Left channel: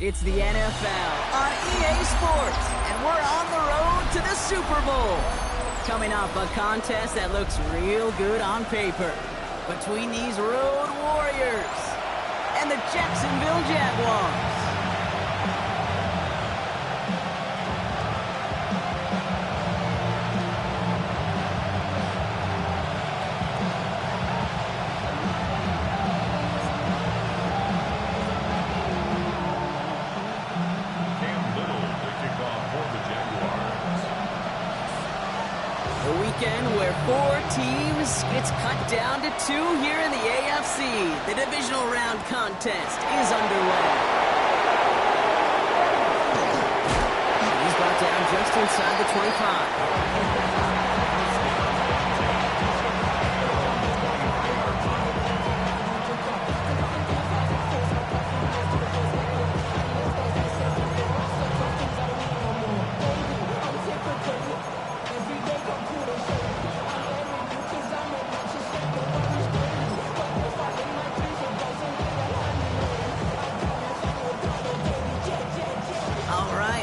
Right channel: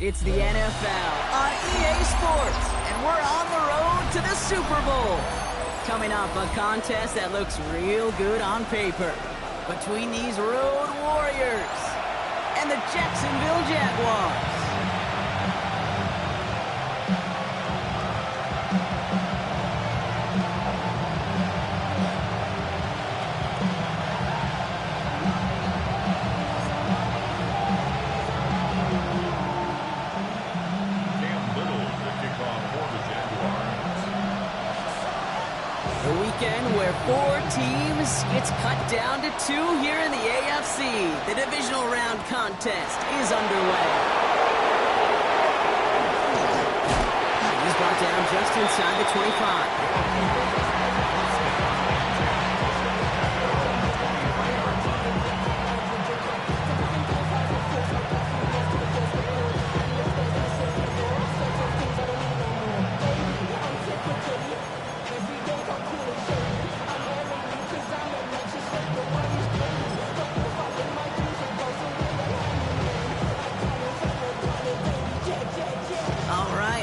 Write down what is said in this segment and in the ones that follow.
It's the NFL on EA Sports, and we're on the road to the Super Bowl. Coming up, a contest that looks real good on paper between these road warriors and the Jacksonville Jaguars. Where 4 teams gets cut down to 2 here in the AFC. The divisional round contest is underway. He's brought down just inside the 25.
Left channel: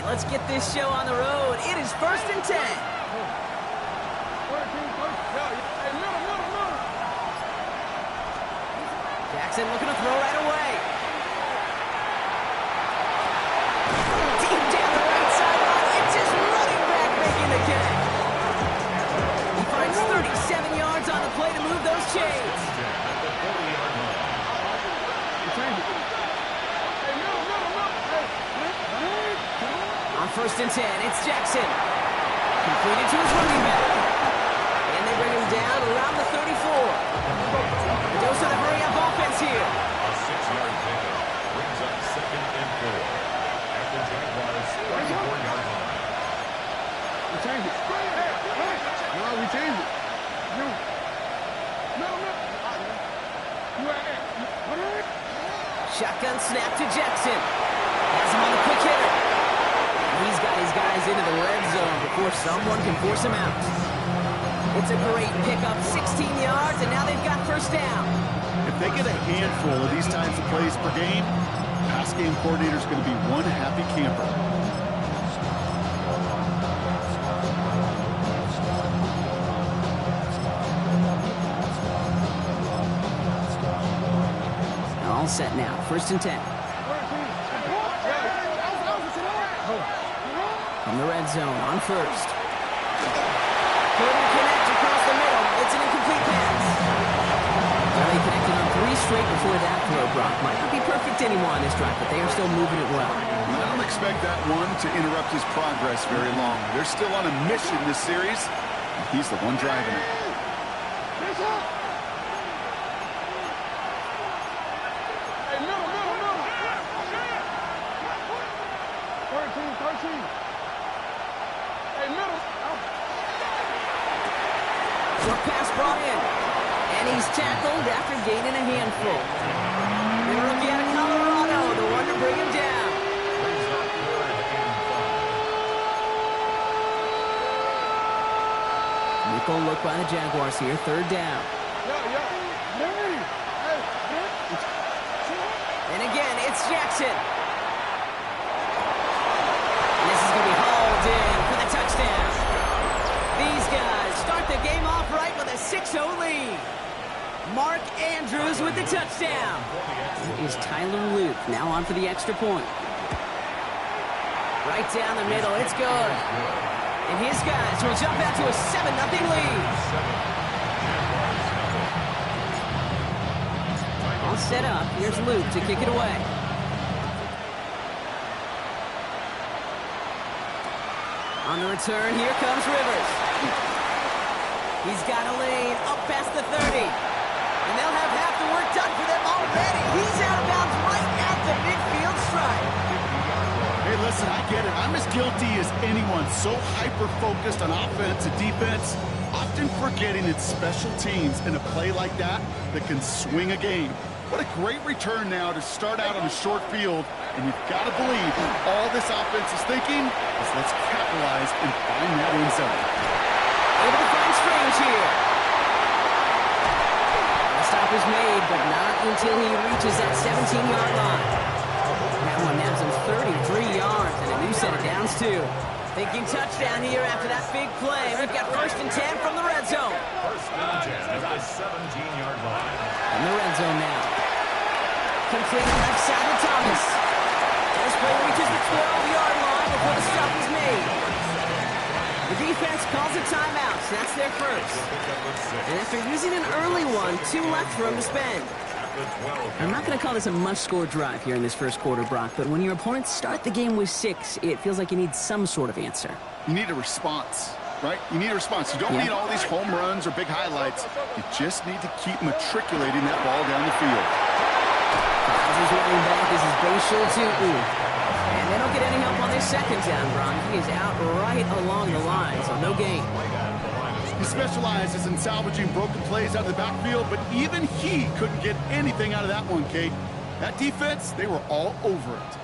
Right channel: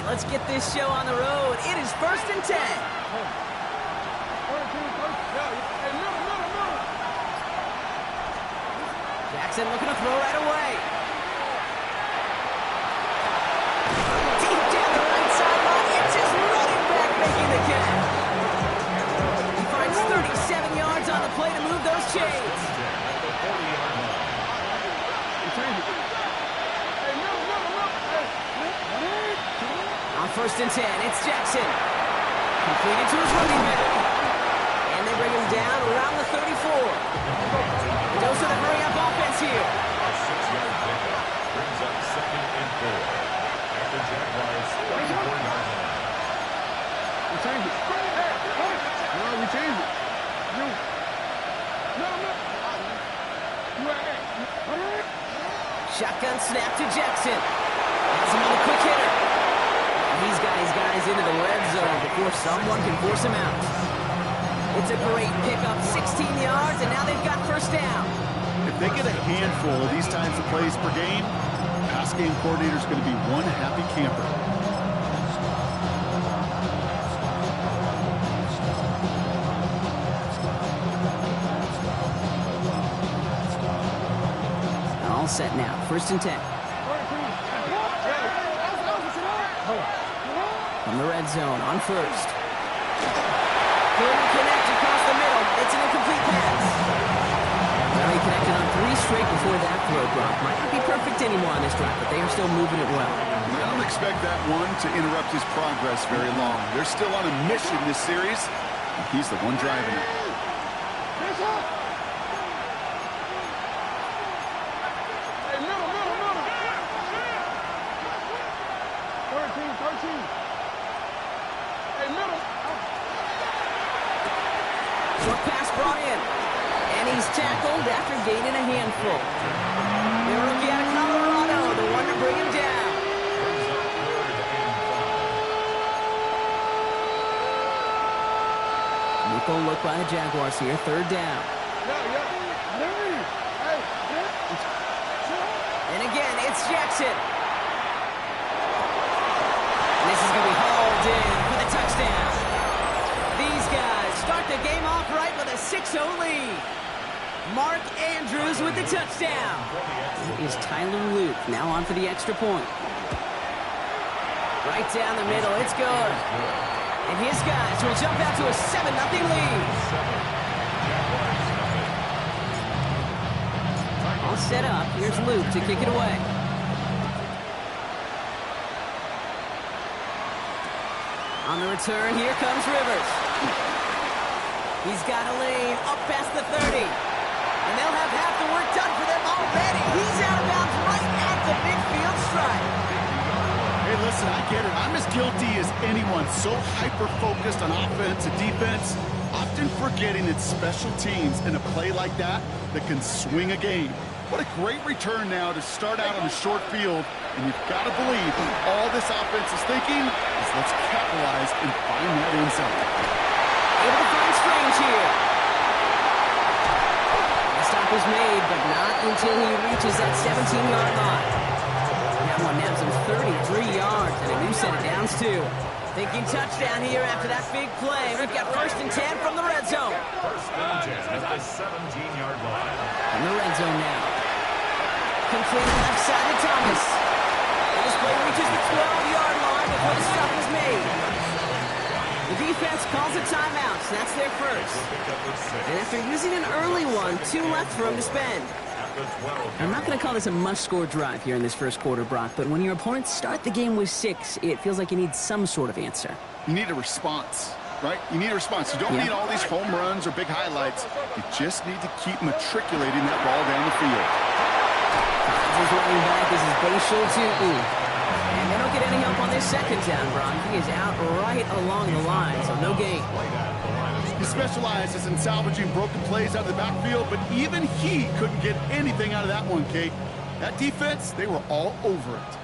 Let's get this show on the road. It is 1st and 10. Jackson looking to throw right away. Deep down the right sideline. It's his running back making the catch. He finds 37 yards on the play to move those chains. On 1st and 10, it's Jackson. Completed to his running back. And they bring him down around the 34. A dose of the hurry-up offense here. A 6-yard pickup brings up 2nd and 4. At the Jaguars' 34-yard line. We changed it. No, we changed it. No. Shotgun snap to Jackson. Has him on the quick hitter. He's got his guys into the red zone before someone can force him out. It's a great pickup, 16 yards, and now they've got 1st down. If they get a handful of these types of plays per game, pass game coordinator's going to be one happy camper. All set now, 1st and 10. From the red zone on 1st. Couldn't connect across the middle. It's an incomplete pass. Well, he connected on 3 straight before that throw, Brock. Might not be perfect anymore on this drive, but they are still moving it well. I don't expect that one to interrupt his progress very long. They're still on a mission this series, and he's the one driving it. Short pass brought in. And he's tackled after gaining a handful. The rookie out of Colorado, the one to bring him down. Brings up 3rd and 5. Nickel look by the Jaguars here, 3rd down. And again, it's Jackson. And this is going to be hauled in for the touchdown. These guys start the game off right with a 6-0 lead. Mark Andrews with the touchdown. Is Tyler Luke now on for the extra point. Right down the middle, it's good. And his guys will jump out to a 7-0 lead. All set up, here's Luke to kick it away. On the return, here comes Rivers. He's got a lane up past the 30. And they'll have half the work done for them already. He's out of bounds right at the midfield stripe. Hey, listen, I get it. I'm as guilty as anyone. So hyper-focused on offense and defense, often forgetting it's special teams in a play like that that can swing a game. What a great return now to start out on a short field. And you've got to believe all this offense is thinking is let's capitalize and find that end zone. Able to find Strange here. The stop is made, but not until he reaches that 17-yard line. That one nabs him 33 yards and a new set of downs, too. Thinking touchdown here after that big play. We've got 1st and 10 from the red zone. 1st and 10 at the 17-yard line. In the red zone now. Completed left side to Thomas. And this play reaches the 12-yard line before the stop is made. The defense calls a timeout, so that's their first. And after using an early one, 2 left for him to spend. I'm not going to call this a must-score drive here in this first quarter, Brock, but when your opponents start the game with 6, it feels like you need some sort of answer. You need a response, right? You need a response. You don't need all these home runs or big highlights. You just need to keep matriculating that ball down the field. Finds his running back. This is Bashal to And they don't get any help on this second down, Brock. He is out right along the line, so no gain. He specializes in salvaging broken plays out of the backfield, but even he couldn't get anything out of that one, Kate. That defense, they were all over it.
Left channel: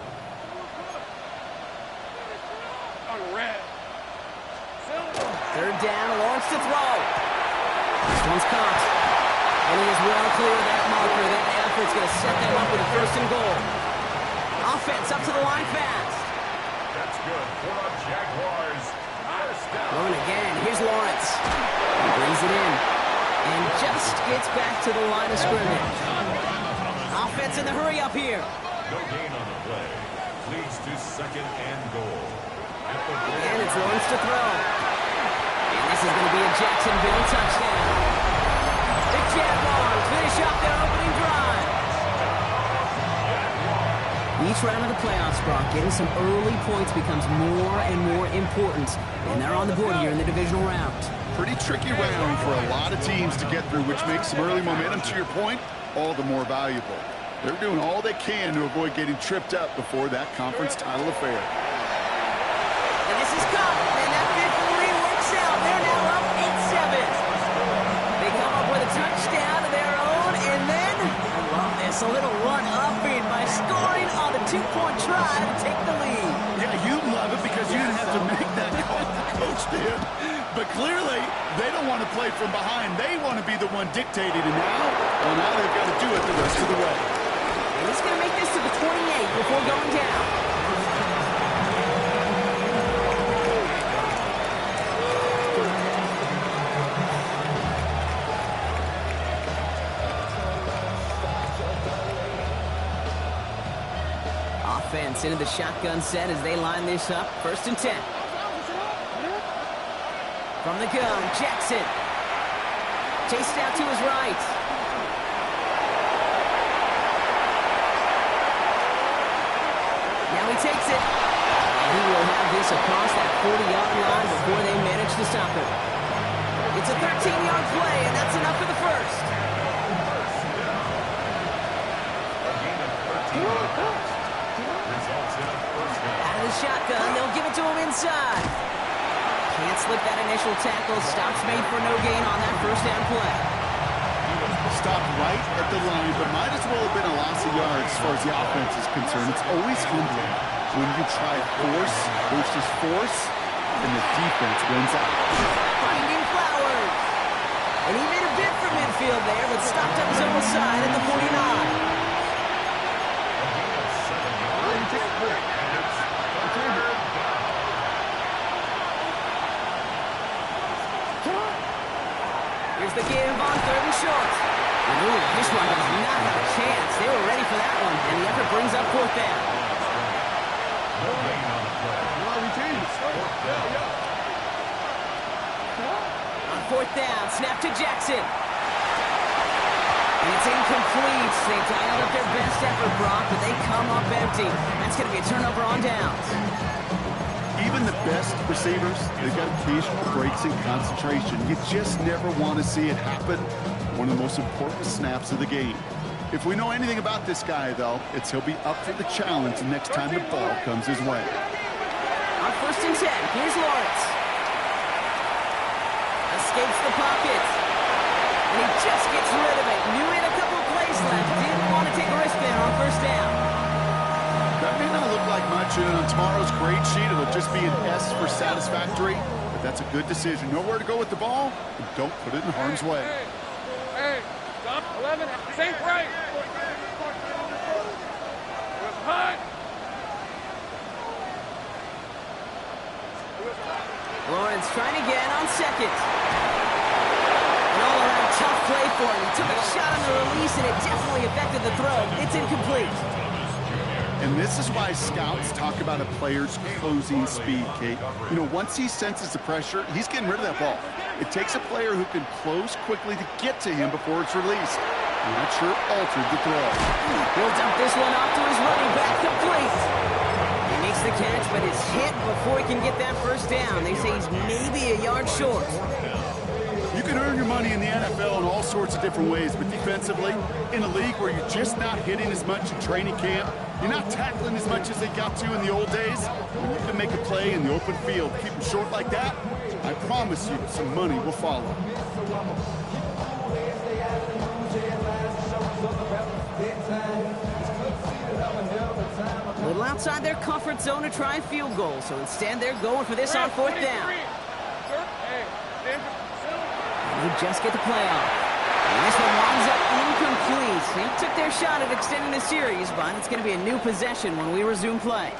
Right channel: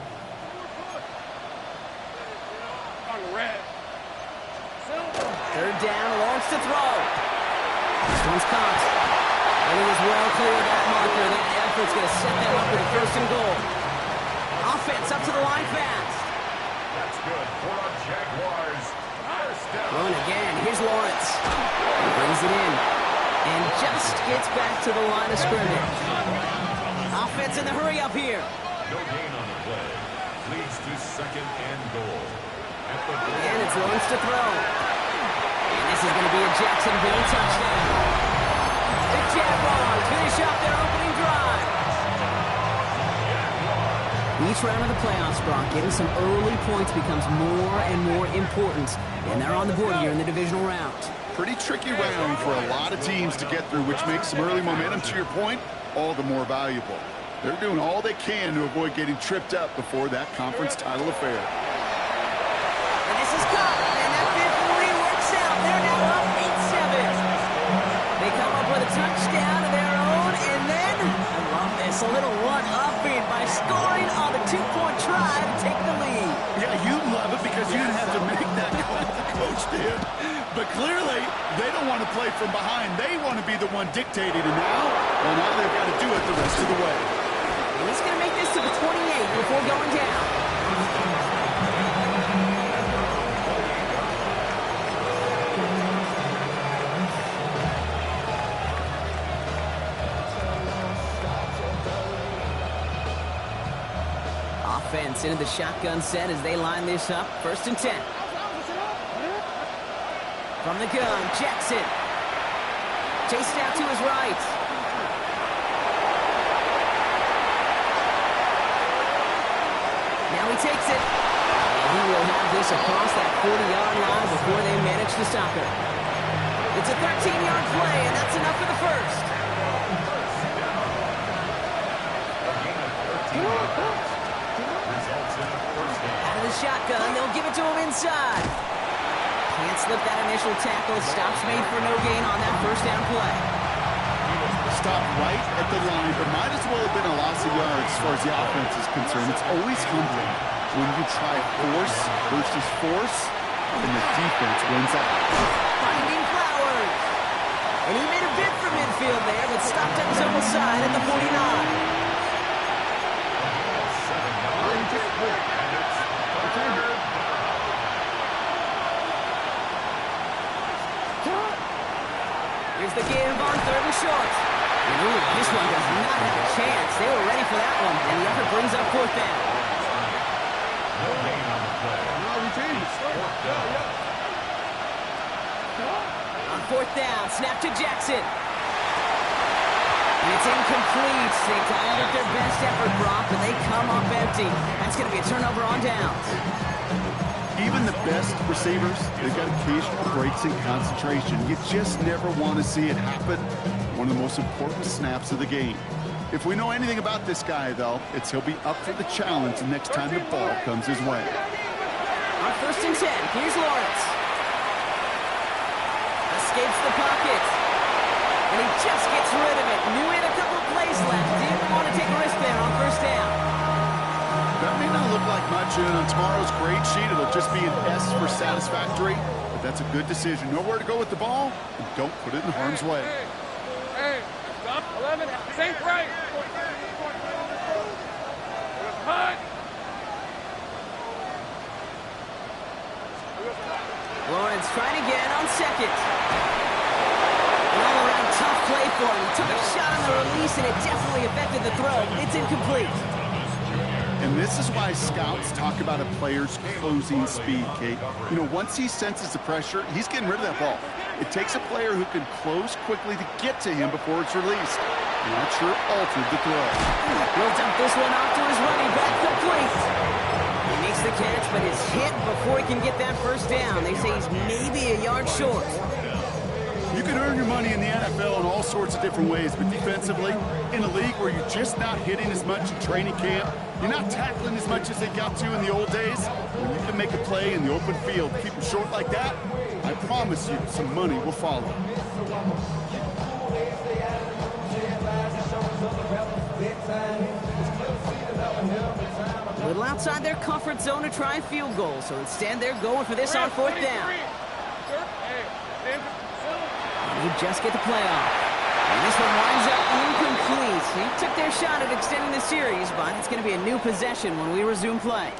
Third down, Lawrence to throw. This one's caught. And he is well clear of that marker. That effort's going to set them up with a 1st and goal. Offense up to the line fast. That's good for a Jaguars. Throwing again. Here's Lawrence. He brings it in. And just gets back to the line of scrimmage. Offense in the hurry up here. No gain on the play. Leads to 2nd and goal. And it's Lawrence to throw. And this is going to be a Jacksonville touchdown. The Jaguars finish off their opening drive. Each round of the playoffs, Brock, getting some early points becomes more and more important. And they're on the board here in the divisional round. Pretty tricky round for a lot of teams to get through, which makes some early momentum, to your point, all the more valuable. They're doing all they can to avoid getting tripped up before that conference title affair. And this is caught, and that 5th lead works out. They're now up 8-7. They come up with a touchdown of their own, and then, I love this, a little one-upping by scoring on the 2-point try to take the lead. Yeah, you love it because you didn't have to make that call. The coach did. But clearly, they don't want to play from behind. They want to be the one dictating, and now they've got to do it the rest of the way. And he's going to make this to the 28 before going down. Offense into the shotgun set as they line this up. 1st and 10. From the gun, Jackson. Chased out to his right. Now he takes it. And he will have this across that 40-yard line before they manage to stop him. It's a 13-yard play, and that's enough for the first. Out of the shotgun, they'll give it to him inside. Can't slip that initial tackle. Stops made for no gain on that 1st down play. Stopped right at the line, but might as well have been a loss of yards as far as the offense is concerned. It's always humbling when you try force versus force, and the defense wins out. Finding Flowers. And he made a bid for midfield there, but stopped at his own side at the 49. Here's the give on 3rd and short. And ooh, this one does not have a chance. They were ready for that one, and the effort brings up 4th down. No gain on the play. No, we changed. 4th down. On 4th down, snap to Jackson. And it's incomplete. They dialed up their best effort, Brock, but they come up empty. That's going to be a turnover on downs. Even the best receivers, they've got occasional breaks in concentration. You just never want to see it happen. One of the most important snaps of the game. If we know anything about this guy, though, it's he'll be up for the challenge the next time the ball comes his way. On 1st and 10, here's Lawrence. Escapes the pocket. And he just gets rid of it. Knew he had a couple plays left. Didn't want to take a risk there on 1st down. That may not look like much, and on tomorrow's grade sheet, it'll just be an S for satisfactory, but that's a good decision. Know where to go with the ball, and don't put it in harm's way. Hey, stop, 11, think right. Hunt. Lawrence trying again on second. An all-around tough play for him. He took a shot on the release, and it definitely affected the throw. It's incomplete. And this is why scouts talk about a player's closing speed, Kate. You know, once he senses the pressure, he's getting rid of that ball. It takes a player who can close quickly to get to him before it's released. And that sure altered the throw. He'll dump this one off to his running back, complete. He makes the catch, but is hit before he can get that first down. They say he's maybe a yard short. You can earn your money in the NFL in all sorts of different ways, but defensively, in a league where you're just not hitting as much in training camp, you're not tackling as much as they got to in the old days, when you can make a play in the open field, keep them short like that, I promise you some money will follow. A little outside their comfort zone to try a field goal, so instead they're going for this on fourth down. And they just get the play off. And this one winds up incomplete. They took their shot at extending the series, but it's going to be a new possession when we resume play.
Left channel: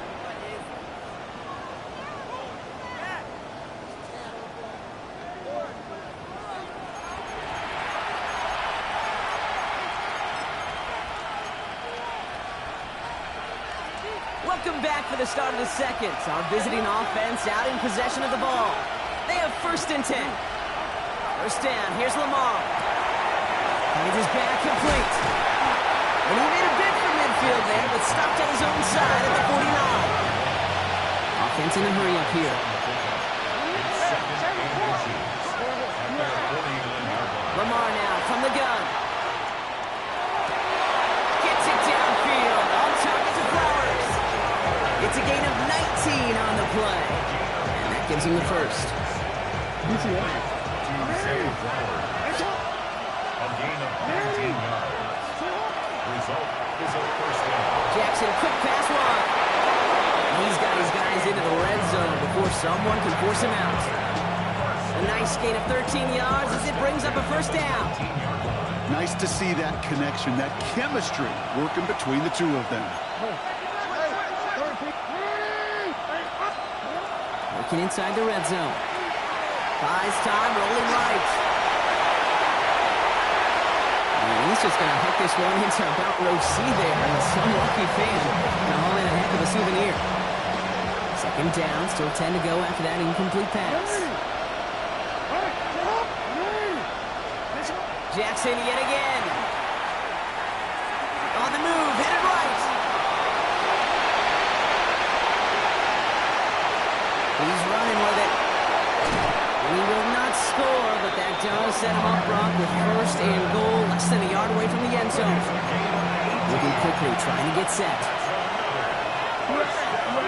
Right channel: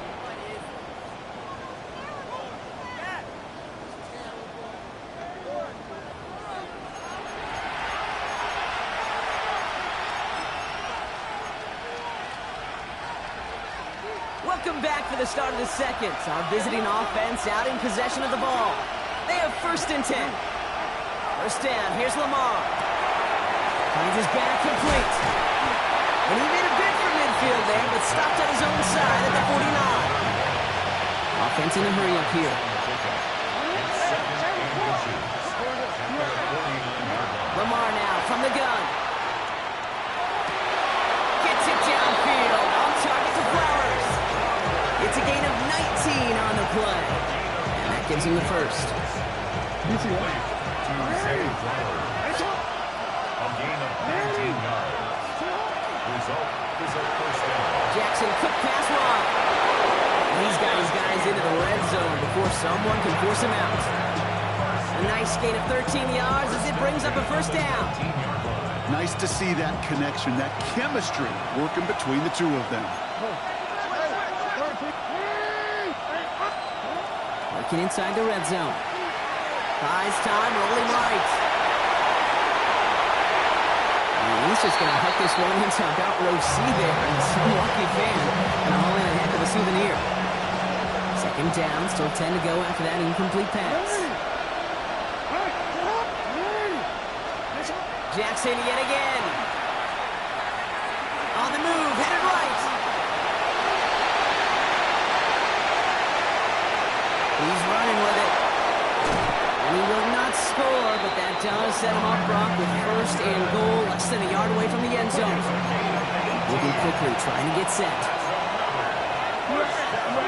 Welcome back for the start of the second. Our visiting offense out in possession of the ball. They have 1st and 10. First down, here's Lamar. Finds his back, complete. And he made a bid for midfield there, but stopped on his own side at the 49. Offense in a hurry up here. Lamar now from the gun. Gets it downfield, on target to Flowers. It's a gain of 19 on the play. And that gives him the first. A gain of 19 yards. Result is a first down. Jackson, quick pass wide. And he's got his guys into the red zone before someone can force him out. A nice gain of 13 yards as it brings up a first down. Nice to see that connection, that chemistry working between the two of them. Working inside the red zone. Buys time, rolling right. And he's just going to hook this one into about row C there. And some lucky fan going to haul in a heck of a souvenir. Second down, still 10 to go after that incomplete pass. Jackson yet again. On the move, headed right. He's running with it. And he will not score, but that does set him up, Brock, with 1st and goal, less than a yard away from the end zone. Moving quickly, trying to get set. First down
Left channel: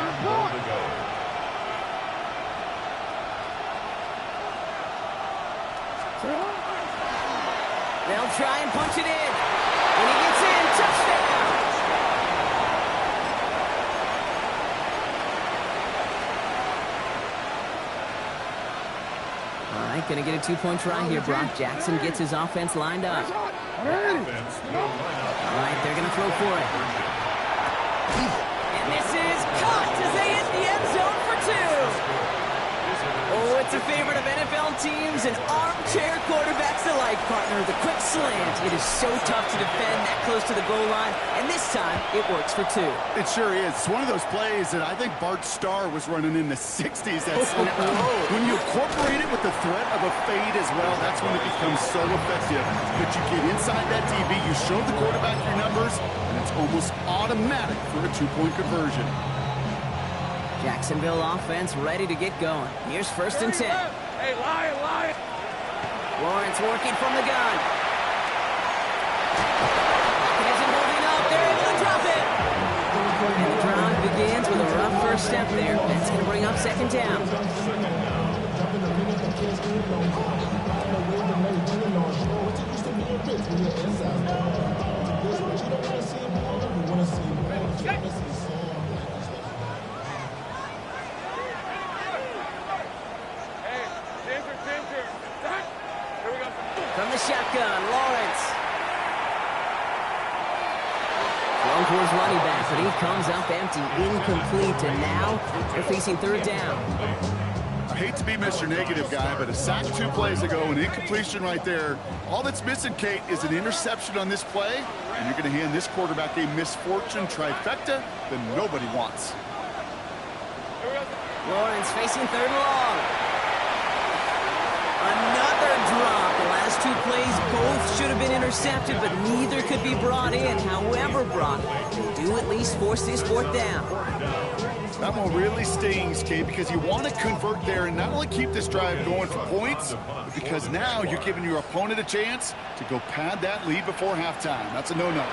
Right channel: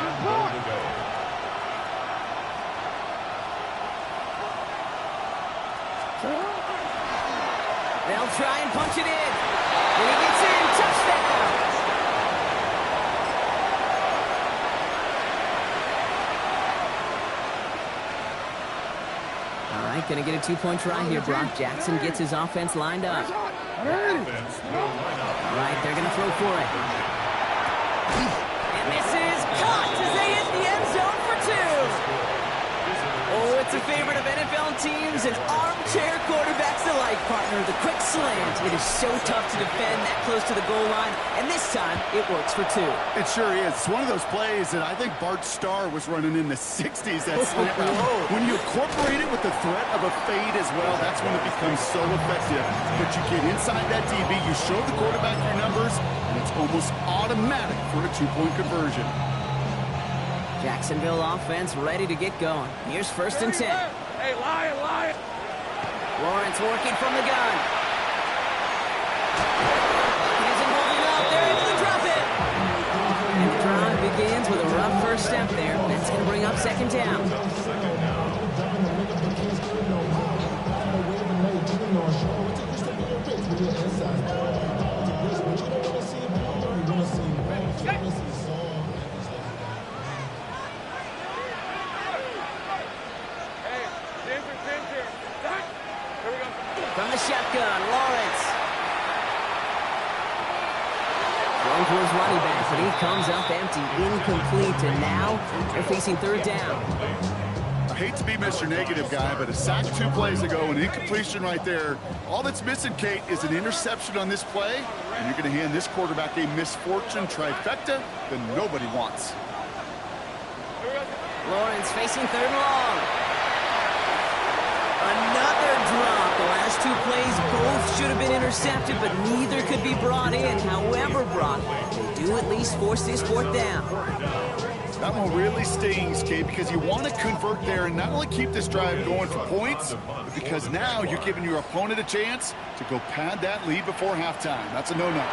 and goal to go. They'll try and punch it in. When he gets in, touchdown! All right, going to get a 2-point try here, Brock. Jackson gets his offense lined up. All right, they're going to throw for it. And this is caught as they hit the end zone for 2. Oh, it's a favorite of NFL teams and armchair quarterbacks alike, partner. The quick slant. It is so tough to defend that close to the goal line, and this time it works for 2. It sure is. It's one of those plays that I think Bart Starr was running in the 60s. That slant. When you incorporate it with the threat of a fade as well, that's when it becomes so effective. But you get inside that DB, you show the quarterback your numbers, and it's almost automatic for a 2-point conversion. Jacksonville offense ready to get going. Here's 1st and 10. Hey, Lion! Lawrence working from the gun. Pocket isn't holding up. They're able to drop it. And the drive begins with a rough first step there. That's going to bring up 2nd down. From the shotgun, Lawrence. Thrown towards running back, but he comes up empty, incomplete, and now they're facing third down. I hate to be Mr. Negative guy, but a sack 2 plays ago, an incompletion right there. All that's missing, Kate, is an interception on this play, and you're going to hand this quarterback a misfortune trifecta that nobody wants. Lawrence facing third and long. Another drop. The last 2 plays, both should have been intercepted, but neither could be brought in. However, Brock, they do at least force this fourth down. That one really stings, Kate, because you want to convert there and not only keep this drive going for points, but because now you're giving your opponent a chance to go pad that lead before halftime. That's a no-no.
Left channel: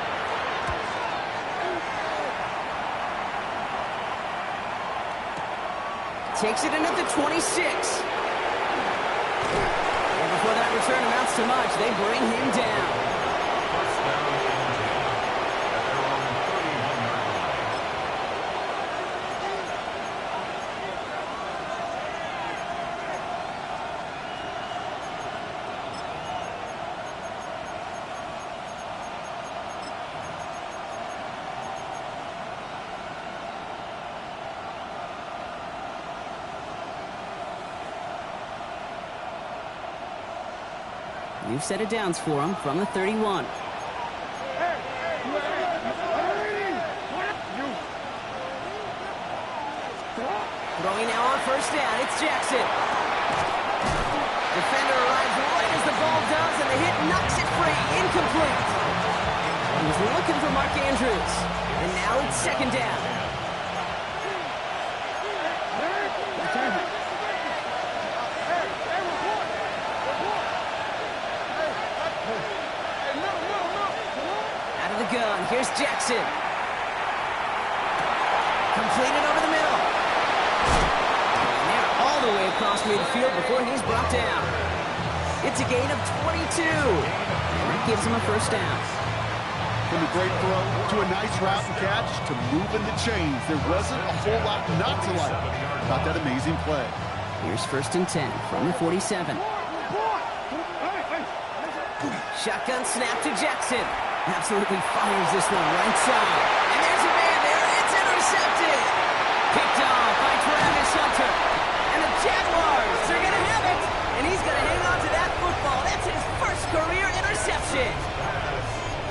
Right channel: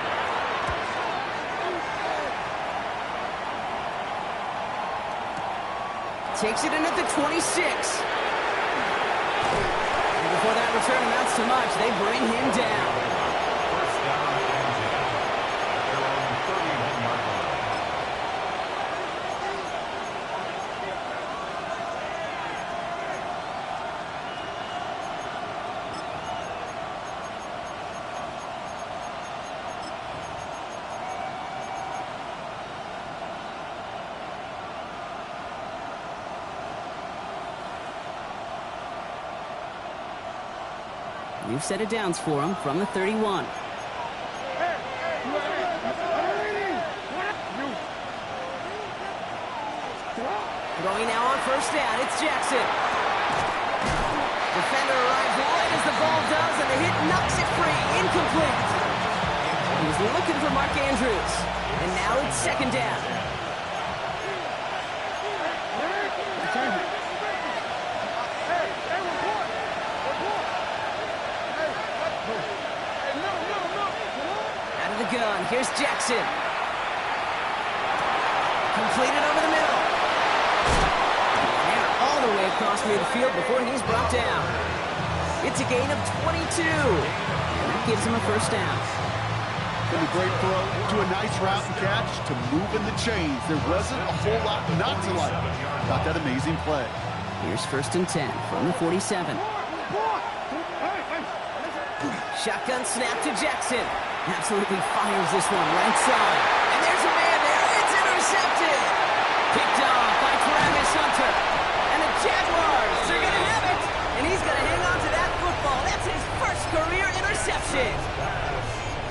Takes it in at the 26. And before that return amounts to much, they bring him down. First down and 10 at their own 31-yard line. New set of downs for him from the 31. Throwing now on first down, it's Jackson. Defender arrives right as the ball does, and the hit knocks it free, incomplete. He was looking for Mark Andrews, and now it's second down. Out of the gun, here's Jackson. Completed over the middle. And they're all the way across midfield before he's brought down. It's a gain of 22. And that gives him a first down. From a great throw to a nice route and catch to moving the chains. There wasn't a whole lot not to like about that amazing play. Here's first and 10 from the 47. Shotgun snap to Jackson. Absolutely fires this one right side. And there's a man there. It's intercepted. Picked off by Travis Hunter. And the Jaguars are going to have it. And he's going to hang on to that football. That's his first career interception.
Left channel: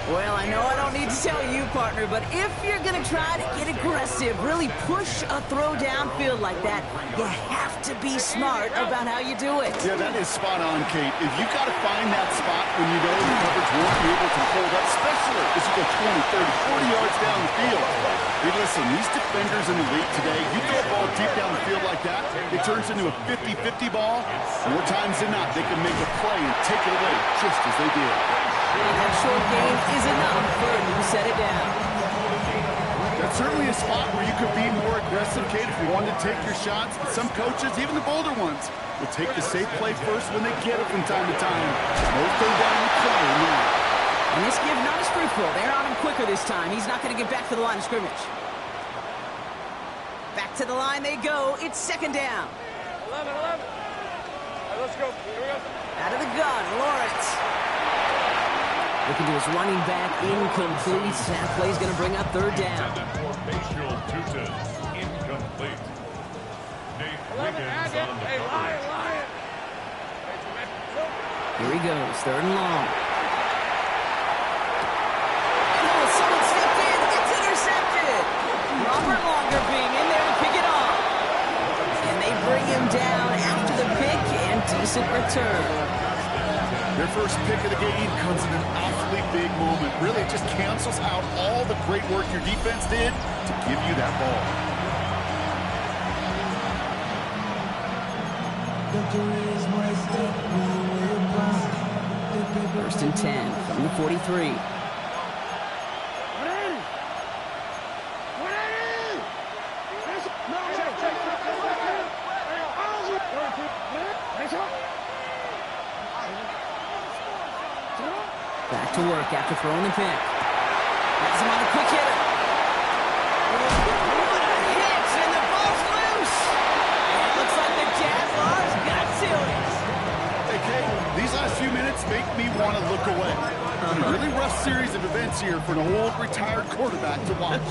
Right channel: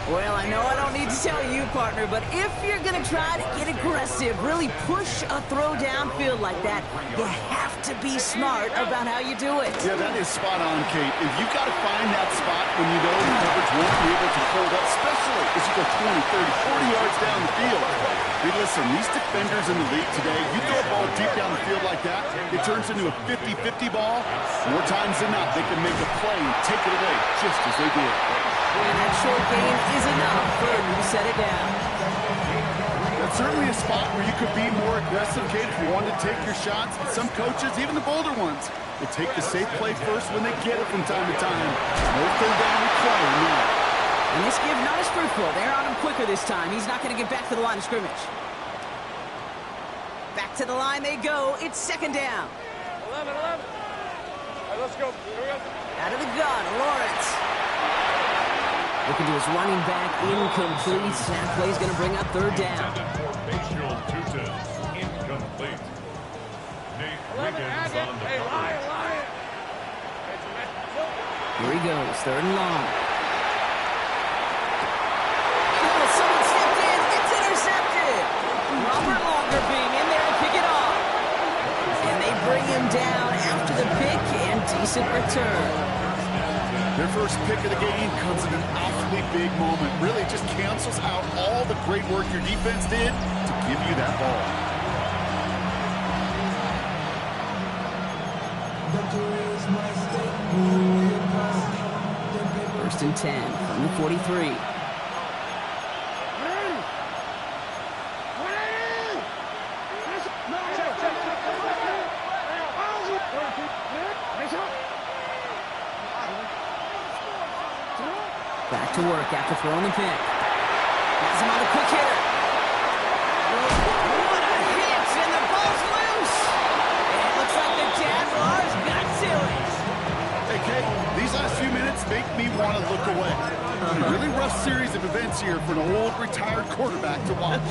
Well, I know I don't need to tell you, partner, but if you're going to try to get aggressive, really push a throw downfield like that, you have to be smart about how you do it. Yeah, that is spot on, Kate. If you got to find that spot when you know the coverage won't be able to hold up, especially as you go 20, 30, 40 yards down the field. Hey, listen, these defenders in the league today, you throw a ball deep down the field like that, it turns into a 50-50 ball. More times than not, they can make a play and take it away just as they did. And that short gain is enough for a new set it down. That's certainly a spot where you could be more aggressive, Kate, if you wanted to take your shots. But some coaches, even the bolder ones, will take the safe play first when they get it from time to time. No third down required now. And this give not as fruitful. They're on him quicker this time. He's not going to get back to the line of scrimmage. Back to the line they go. It's second down. 11. All right, let's go. Here we go. Out of the gun, Lawrence. Looking to his running back, incomplete. That play's going to bring up third down. Incomplete. Nate Wiggins on the coverage. Here he goes, third and long. Oh, someone stepped in. It's intercepted. Robert Longerbeam in there to pick it off. And they bring him down after the pick and decent return. Their first pick of the game comes in an awfully big moment. Really, it just cancels out all the great work your defense did to give you that ball. First and 10 from the 43. Back to work after throwing the pick. Has him on the quick hitter. What a hit, and the ball's loose. And it looks like the Jaguars got to it. Hey, Hey, these last few minutes make me want to look away. A really rough series of events here for an old retired quarterback to watch.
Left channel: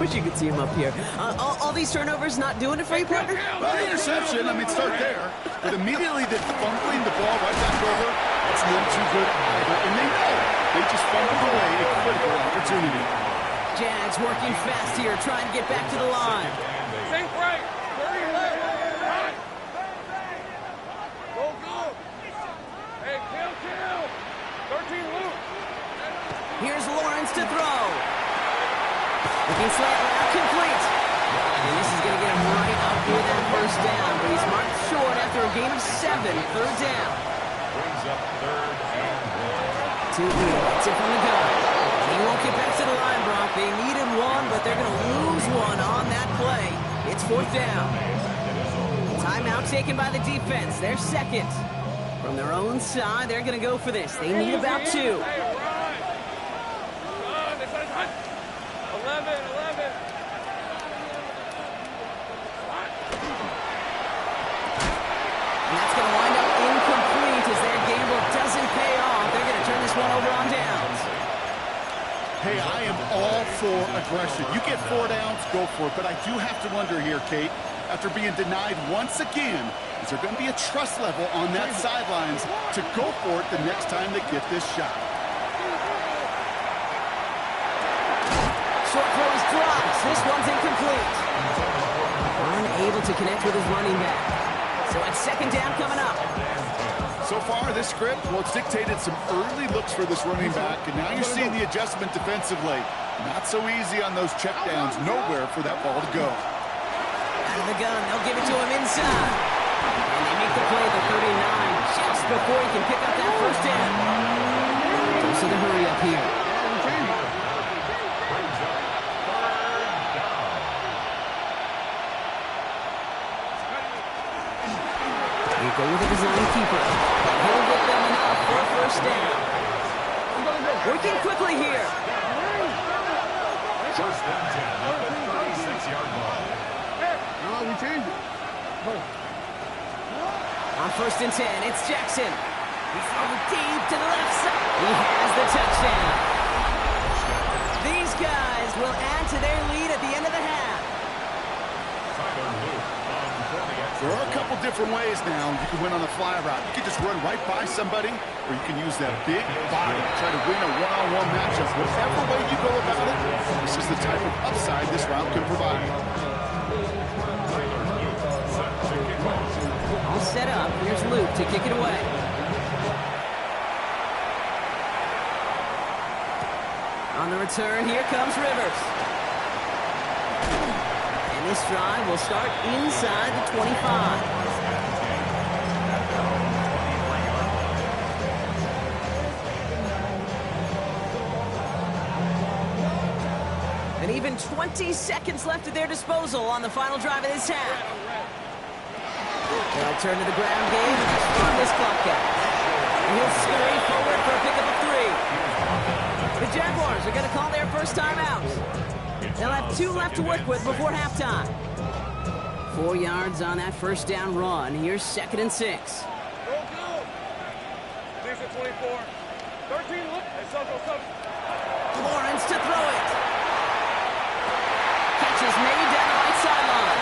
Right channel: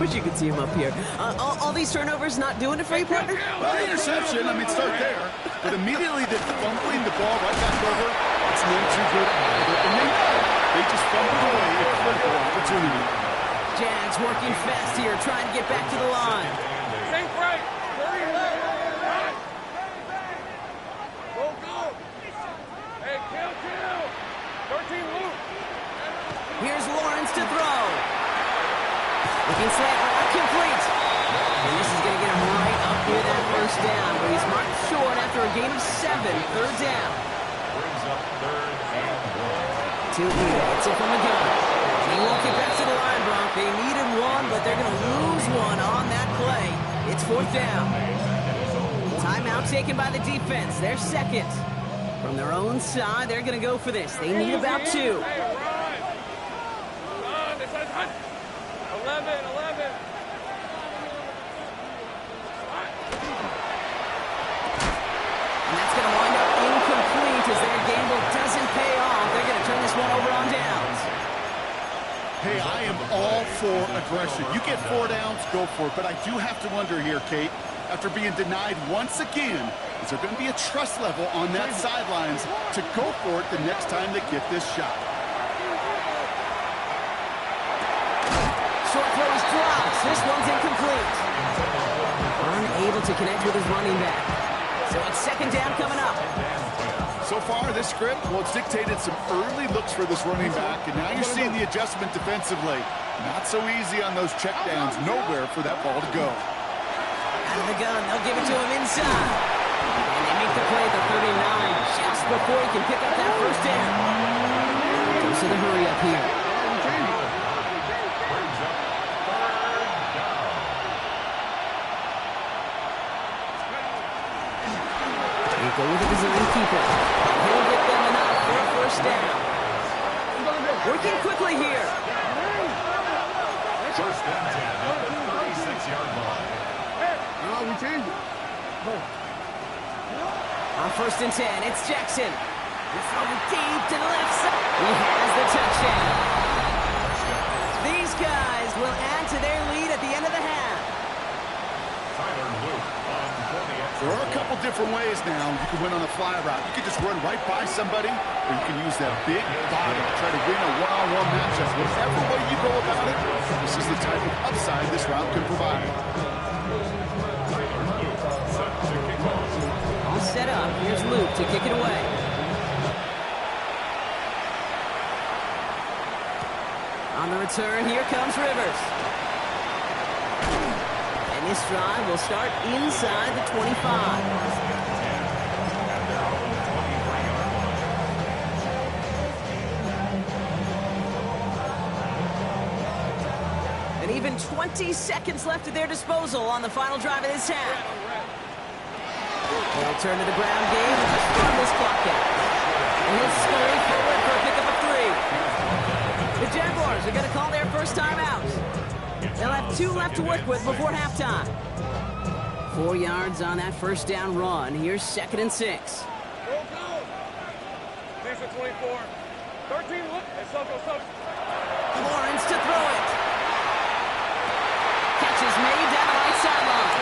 Wish you could see him up here. All these turnovers not doing it for you, partner? Well, interception, I mean, start there. But immediately then fumbling the ball right back over, it's not too good either. And they know they just fumbled away a critical opportunity. Jags working fast here, trying to get back to the line. Think right. 30 left. Go, go. Hey, kill. 13 loop. Here's Lawrence to throw. Looking slant route complete. And this is going to get him right up near that first down, but he's marked short after a gain of 7, third down. Brings up 3rd and 1. Two gets it from the gun. And he won't get back to the line, Bronk. They needed one, but they're going to lose one on that play. It's 4th down. Timeout taken by the defense. They're second. From their own side, they're going to go for this. They need about 2. Hey, run. They said hunt. 11. And that's going to wind up incomplete as their gamble doesn't pay off. They're going to turn this one over on downs. Hey, I am all for aggression. You get 4 downs, go for it. But I do have to wonder here, Kate, after being denied once again, is there going to be a trust level on that sidelines to go for it the next time they get this shot? Short throw is dropped. This one's incomplete. Unable to connect with his running back. So it's 2nd down coming up. So far, this script, well, it's dictated some early looks for this running back, and now you're seeing the adjustment defensively. Not so easy on those checkdowns. Nowhere for that ball to go. Out of the gun, they'll give it to him inside. And they make the play at the 39 just before he can pick up that first down. Goes to the hurry up here. Brings up 3rd down. They go with a design keeper. And he'll get them enough for a first down. Working quickly here. 1st and 10 at the 36-yard line. No, we changed it. On 1st and 10, it's Jackson. We throw it deep to the left side. He has the touchdown. These guys will add to their lead at the end of the half. Tyler Luke on 40. There are a couple different ways now. You can win on a fly route. You can just run right by somebody, or you can use that big body to try to win a one-on-one matchup. Whatever way you go about it, this is the type of upside this route can provide. Tyler Luke set to kick off. All set up. Here's Luke to kick it away. On the return, here comes Rivers. And this drive will start inside the 25. At their own 23-yard line. And even 20 seconds left at their disposal on the final drive of this half. They'll turn to the ground game and just run this clock out. And he'll scurry forward for a pickup of 3. The Jaguars are going to call their first timeout. They'll have 2 left to work with before halftime. 4 yards on that first down run. Here's 2nd and 6. Go. These are 24. 13, look. Hey, go. Lawrence to throw it. Catch is made down the right sideline.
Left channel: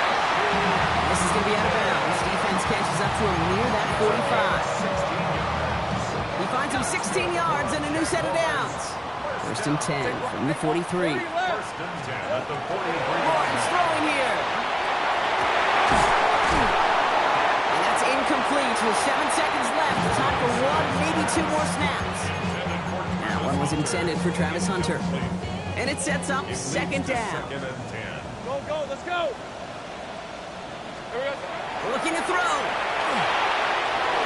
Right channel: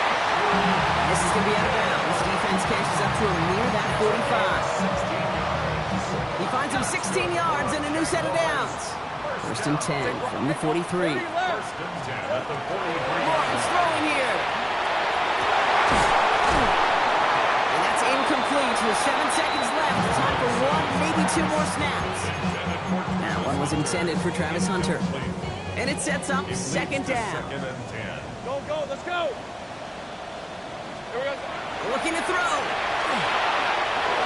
And this is going to be out of bounds. Defense catches up to him near that 45. He finds him 16 yards and a new set of downs. 1st and 10 from the 43. 1st and 10 at the 43. Lawrence throwing here. And that's incomplete with 7 seconds left. Time for 1, maybe 2 more snaps. That one was intended for Travis Hunter. And it sets up 2nd down. 2nd and 10. Go. Let's go. Here we go. Looking to throw.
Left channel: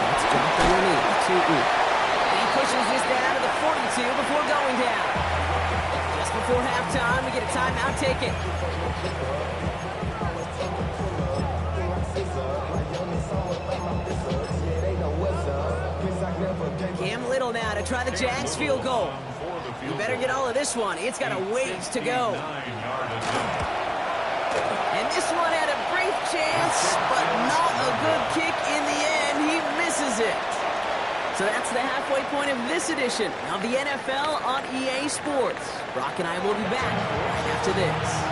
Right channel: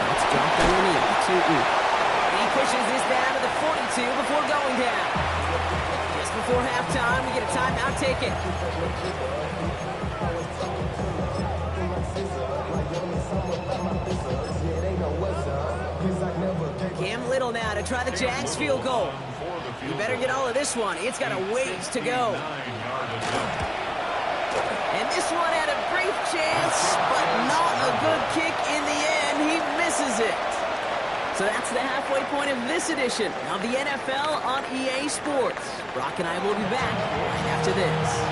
That's dropped underneath to Oop. And he pushes this down to the 42 before going down. Just before halftime, we get a timeout taken. Cam Little now to try the Jags field goal. You better get all of this one. It's got a ways to go. And this one had a brief chance, but not a good kick in the end. He misses it. So that's the halfway point of this edition of the NFL on EA Sports. Brock and I will be back right after this.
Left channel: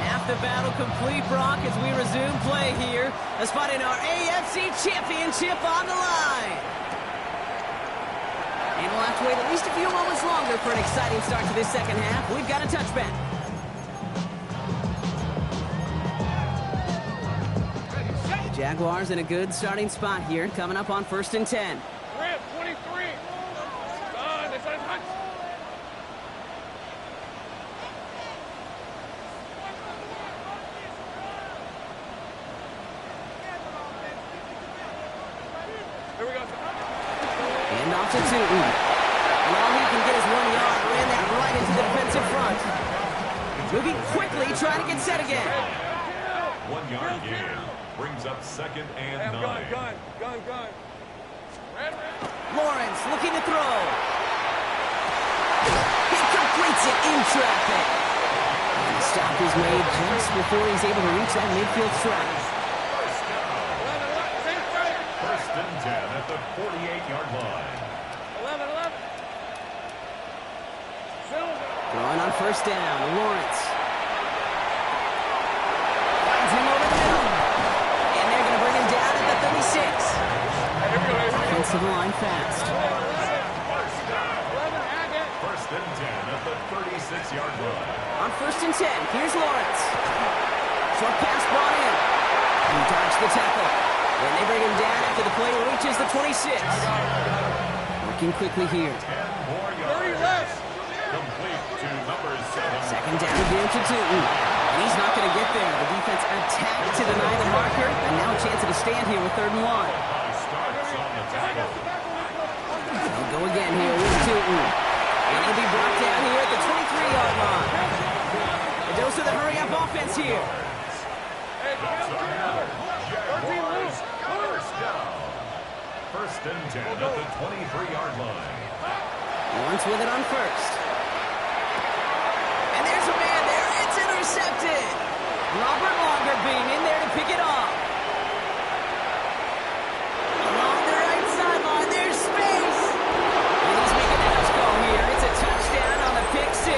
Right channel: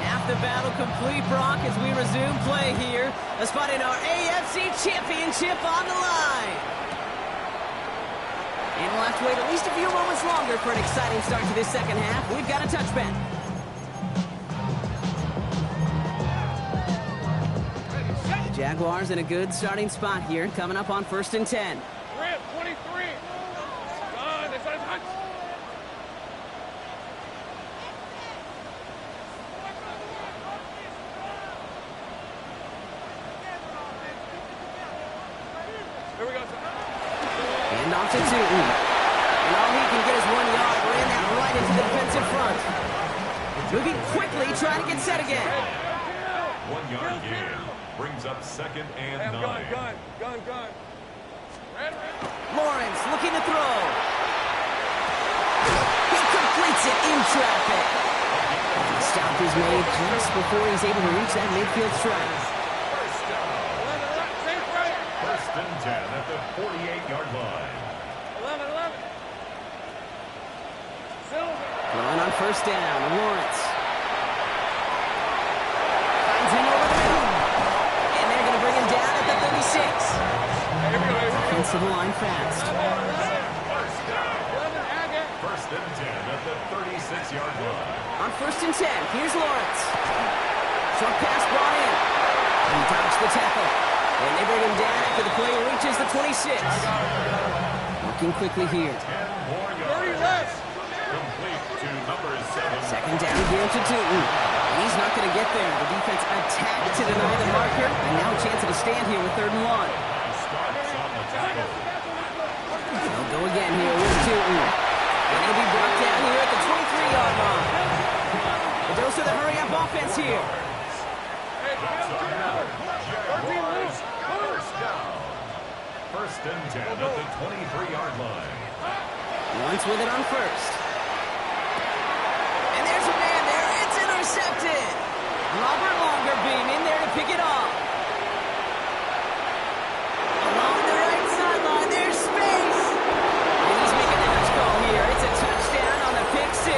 Half the battle complete, Brock, as we resume play here. A spot in our AFC Championship on the line. And we'll have to wait at least a few moments longer for an exciting start to this second half. We've got a touchback. The Jaguars in a good starting spot here, coming up on 1st and 10. Rip, 23. Done. It's a touch. Here we go. And off to Tootin. And all he can get is 1 yard. Ran that right into the defensive front. Moving quickly, trying to get set again. 1 yard gain. Brings up 2nd and 9. Gun. Lawrence looking to throw. He completes it in traffic. And the stop is made just before he's able to reach that midfield strike. First down. 1st and 10 at the 48-yard line. 11. Throwing on 1st down, Lawrence. Finds him over the middle. And they're going to bring him down at the 36. Offensive line fast. First down. 1st and 10 at the 36-yard line. On 1st and 10, here's Lawrence. Short pass brought in. He dodged the tackle. And they bring him down after the play reaches the 26. Working quickly here. 10 more yards. Complete to number 7. Second down here to Tootin. And he's not going to get there. The defense attacked to deny the marker. And now a chance at a stand here with 3rd and 1. Starts on the tackle. They'll go again here with Tootin. And he'll be brought down here at the 23-yard line. A dose of the hurry-up offense here. Jaguars, first down. 1st and 10 at the 23-yard line. Once with it on 1st. And there's a man there. It's intercepted. Robert Longerbeam in there to pick it off. Along the right sideline, there's space. And he's making the house call here. It's a touchdown on the pick 6.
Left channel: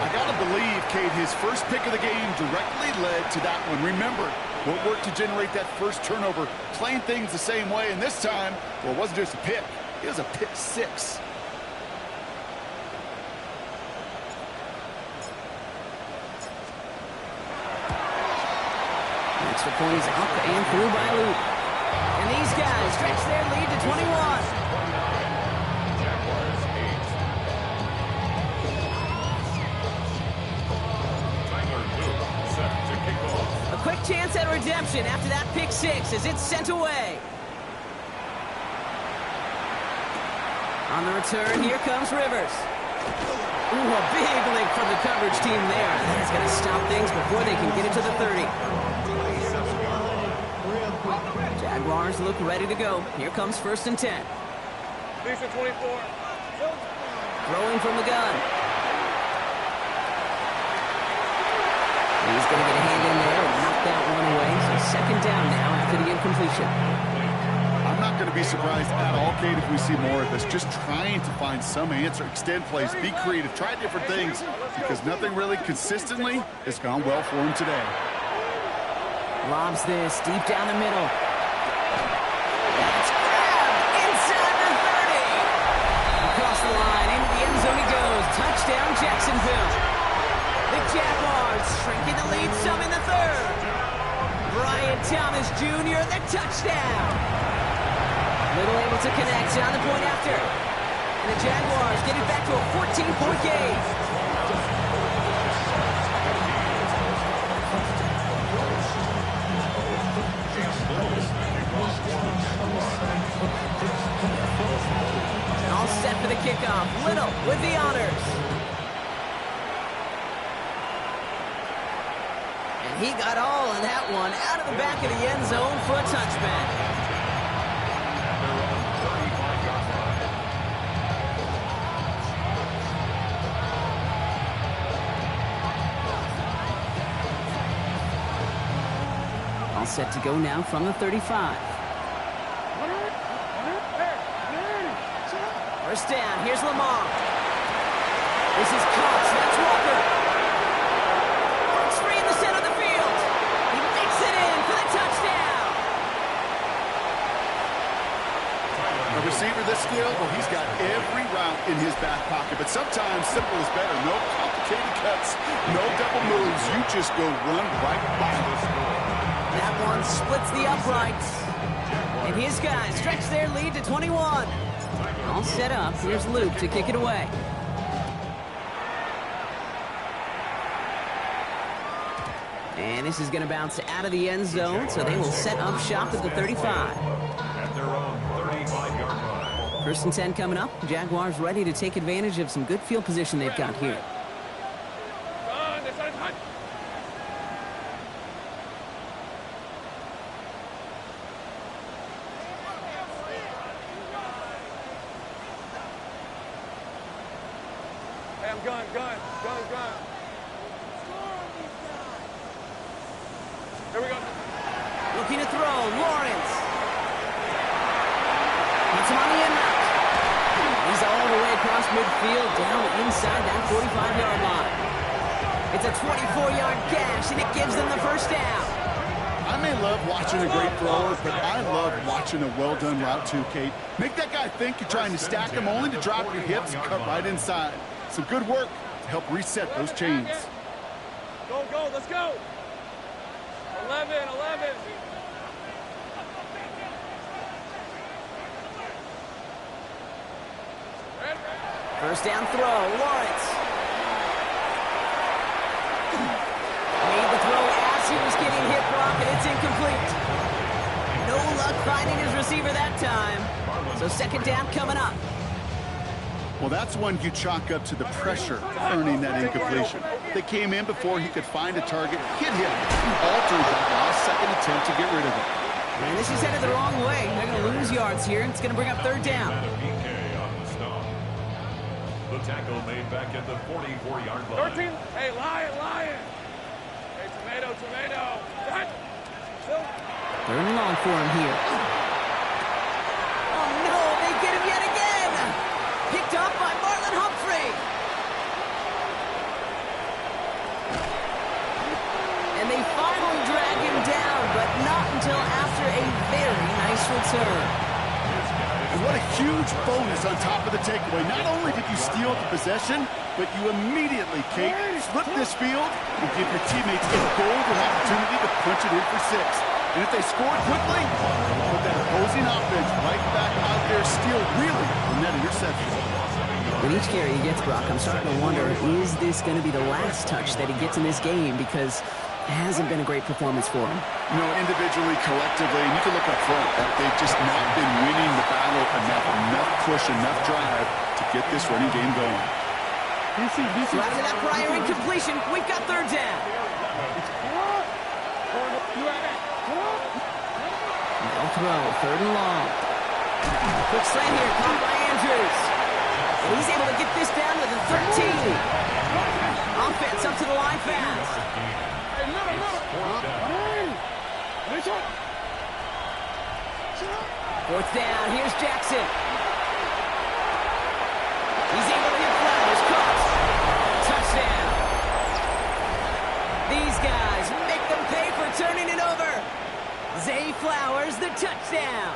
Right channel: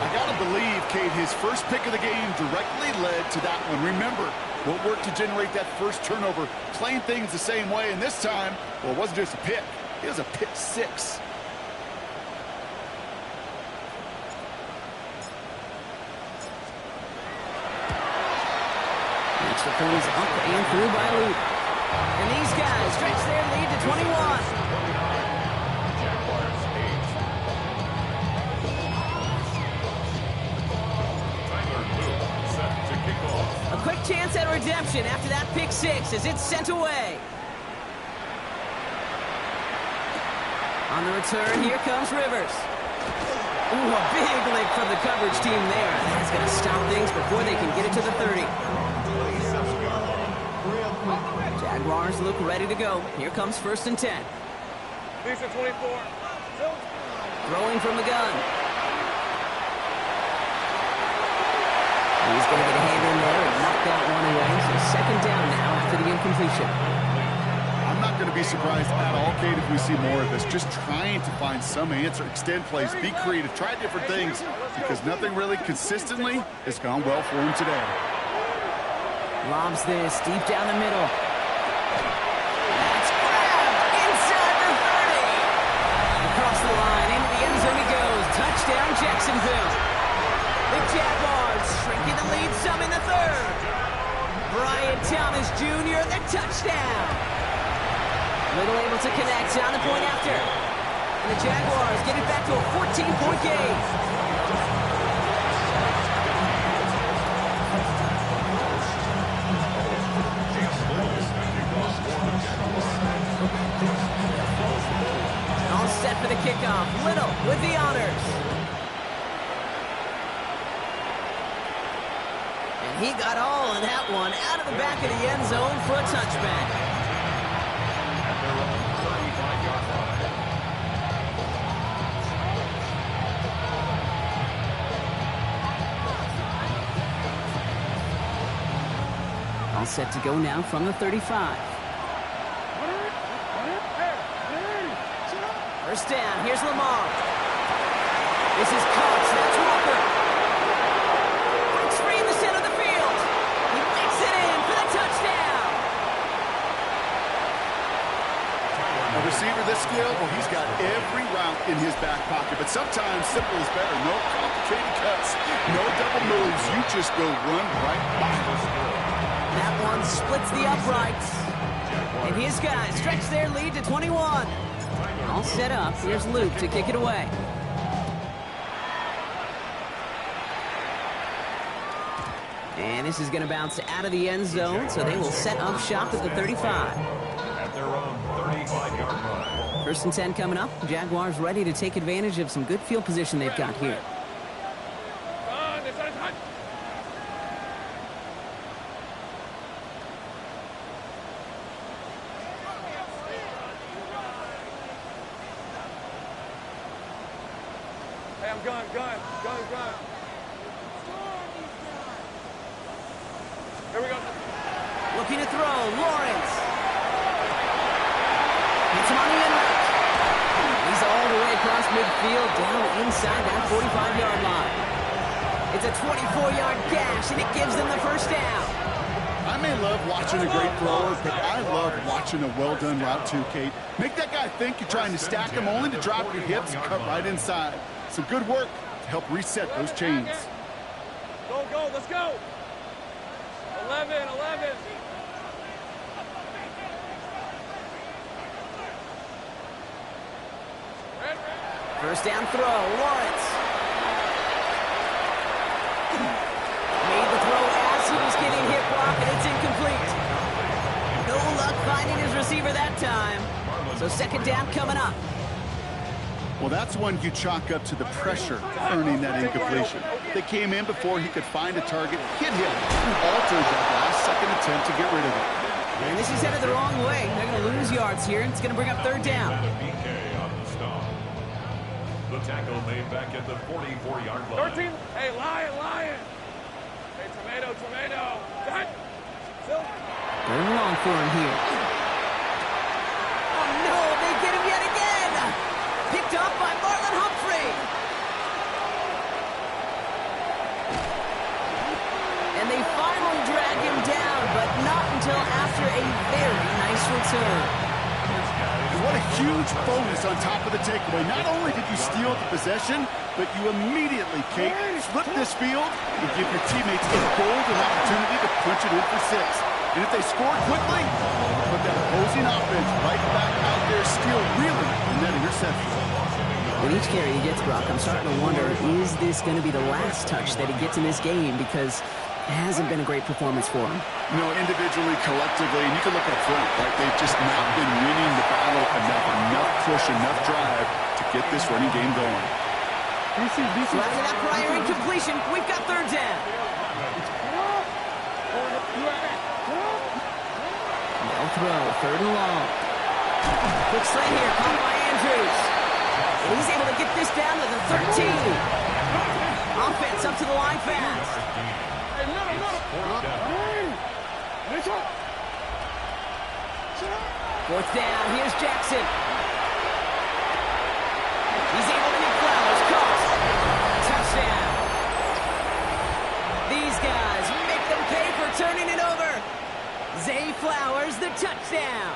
I got to believe, Kate, his first pick of the game directly led to that one. Remember, what worked to generate that first turnover, playing things the same way, and this time, well, it wasn't just a pick. It was a pick 6. Extra point is up and through by Luke. And these guys stretch their lead to 21. Jaguars 8. Tyler Luke set to kick off. A quick chance at redemption after that pick 6 as it's sent away. On the return, here comes Rivers. Ooh, a big lick from the coverage team there. That is going to stop things before they can get it to the 30. 27-yard line. Jaguars look ready to go. Here comes 1st and 10. Decent 24. Throwing from the gun. He's going to get a hand in there and knock that one away. So 2nd down now after the incompletion. I'm not going to be surprised at all, Kate, if we see more of this. Just trying to find some answer, extend plays, be creative, try different things, because nothing really consistently has gone well for him today. Lobs this deep down the middle. That's grabbed inside the 30. Across the line, into the end zone he goes. Touchdown, Jacksonville. The Jaguars shrinking the lead some in the 3rd. Brian Thomas Jr., the touchdown. Little able to connect on the point after. And the Jaguars get it back to a 14-point game. All set for the kickoff. Little with the honors. And he got all of that one out of the back of the end zone for a touchback. At their own 35-yard line. All set to go now from the 35. First down, here's Lamar. This is Cox, that's Walker. Breaks free in the center of the field. He makes it in for the touchdown. A receiver this skilled, well, he's got every route in his back pocket, but sometimes simple is better. No complicated cuts, no double moves. You just go run right by him. That one splits the uprights. And his guys stretch their lead to 21. All set up. Here's Luke to kick it away. And this is going to bounce out of the end zone, so they will set up shop at the 35. At their own 35-yard line. First and 10 coming up. Jaguars ready to take advantage of some good field position they've got here. Hey, I'm gun. Here we go. Looking to throw, Lawrence. Hits him on the end route. He's all the way across midfield, down inside that 45-yard line. It's a 24-yard gash, and it gives them the first down. I may love watching a great thrower, but I love watching a well-done route too, Kate. Make that guy think you're trying to stack him only to drop your hips and cut right inside. Some good work to help reset those chains. Go, let's go. 11. First down throw, Lawrence. Made the throw as he was getting hit, Brock, and it's incomplete. No luck finding his receiver that time. So second down coming up. Well, that's one you chalk up to the pressure earning that incompletion. They came in before he could find a target, hit him, altered that last second attempt to get rid of it. And this is headed the wrong way. They're going to lose yards here, and it's going to bring up third down. PK on the stop. The tackle made back at the 44-yard line. 13. Hey, lion. Hey, tomato. Done. Still. Third and long for him here. Oh, no, they get him yet again. Picked up by Marlon Humphrey. And they finally drag him down, but not until after a very nice return. And what a huge bonus on top of the takeaway. Not only did you steal the possession, but you immediately, Kate, flip this field and give your teammates a golden opportunity to punch it in for 6. And if they scored quickly, put that opposing offense right back out there, still reeling from that interception. With each carry he gets, Brock, I'm starting to wonder, is this going to be the last touch that he gets in this game? Because it hasn't been a great performance for him. You know, individually, collectively, and you can look up front, right? They've just not been winning the battle enough push, enough drive to get this running game going. So after that prior incompletion, we've got third down. They'll throw, third and long. Quick slant here, caught by Andrews. And he's able to get this down to the 13. Offense up to the line fast. Fourth down, here's Jackson. He's able to hit Flowers, caught. Touchdown. These guys make them pay for turning it over. Zay Flowers, the touchdown.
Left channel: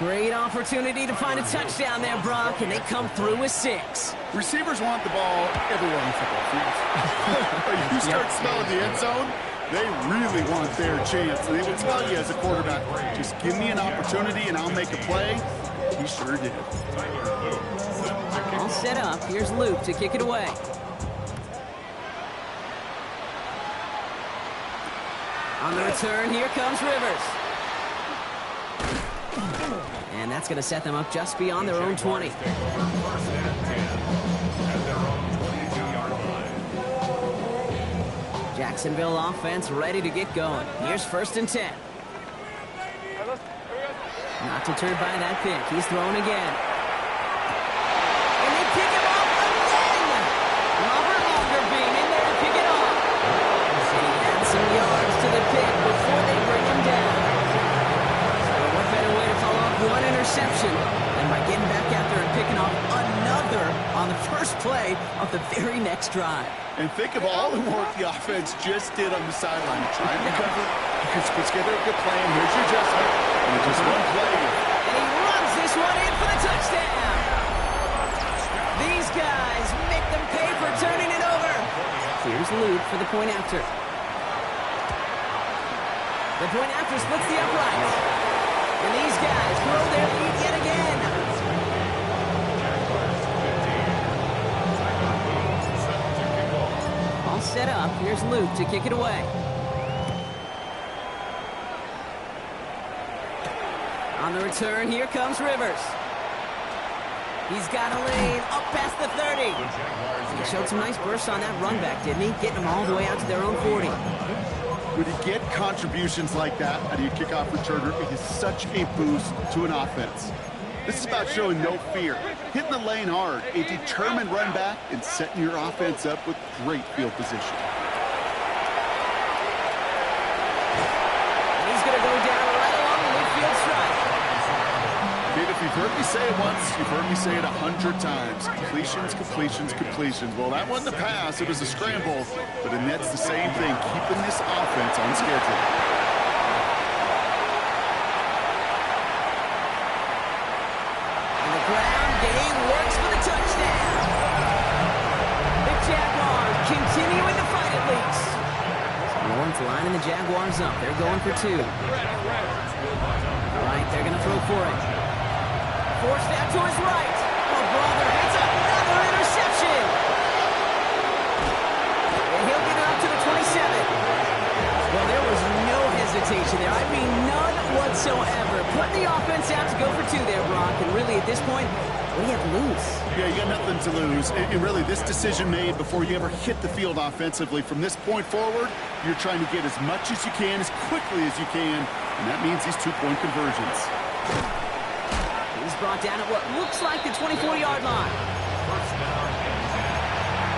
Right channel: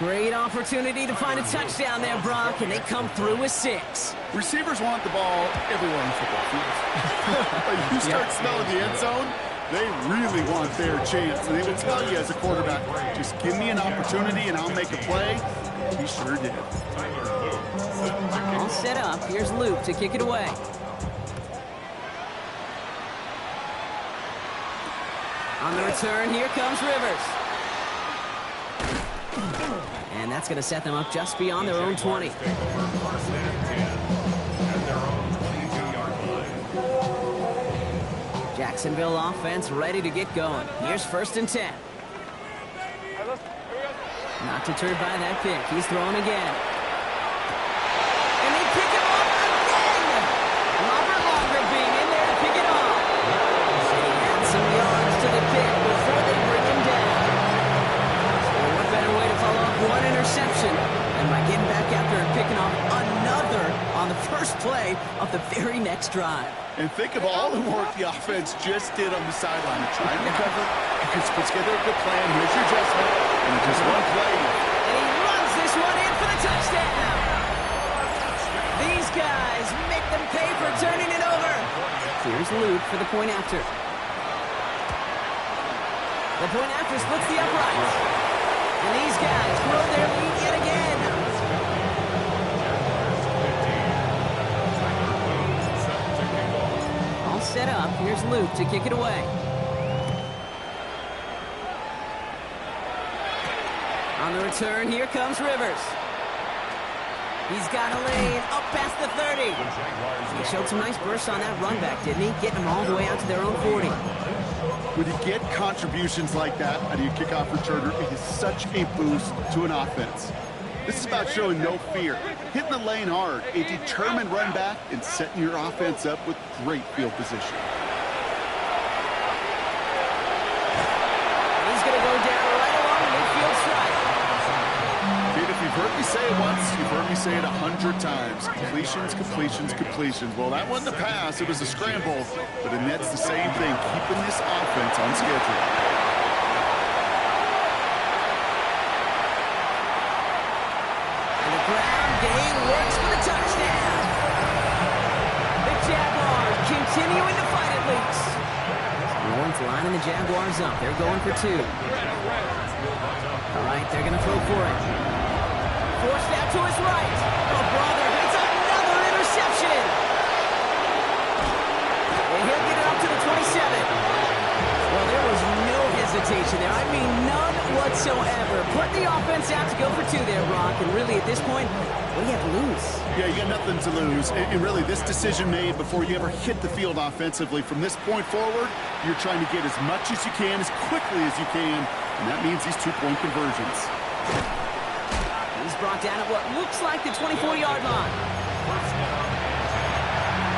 Great opportunity to find a touchdown there, Brock, and they come through with 6. Receivers want the ball everywhere on football fields. But you start smelling the end zone, they really want their chance. And they will tell you as a quarterback, just give me an opportunity and I'll make a play. He sure did. All set up. Here's Luke to kick it away. On the return, here comes Rivers. And that's going to set them up just beyond their own 20. First and 10 at their own 22-yard line. Jacksonville offense ready to get going. Here's first and 10. Not deterred by that pick. He's throwing again. And they pick him off again! Robert Longer being in there to pick it off. And he had some yards call off one interception. And by getting back out there and picking off another on the first play of the very next drive. And think of all the work the offense just did on the sideline to try and recover. You can put together a good plan. Here's your adjustment. And it's just one play. And he runs this one in for the touchdown. These guys make them pay for turning it over. Here's Luke for the point after. The point after splits the uprights. And these guys grow their lead yet again. All set up. Here's Luke to kick it away. On the return, here comes Rivers. He's got a lane up past the 30. He showed some nice bursts on that run back, didn't he? Getting them all the way out to their own 40. When you get contributions like that out of your kickoff returner, it is such a boost to an offense. This is about showing no fear, hitting the lane hard, a determined run back, and setting your offense up with great field position. And he's going to go down right along the midfield stripe. Kid, if you've heard me say it once, you've heard me say it 100 times. Completions, completions, completions. Well, that wasn't a pass. It was a scramble. But it nets the same thing, keeping this offense on schedule. And the ground game works for the touchdown. The Jaguars continuing to fight it loose. Lawrence lining the Jaguars up. They're going for two. All right, they're going to throw for it. Forced out to his right. Oh, brother, it's another interception. And he'll get it up to the 27. Well, there was no hesitation there. I mean, none whatsoever. Putting the offense out to go for two there, Brock. And really, at this point, what do you have to lose? Yeah, you got nothing to lose. And really, this decision made before you ever hit the field offensively. From this point forward, you're trying to get as much as you can, as quickly as you can. And that means these two-point conversions. He's brought down at what looks like the 24-yard line. First down and 10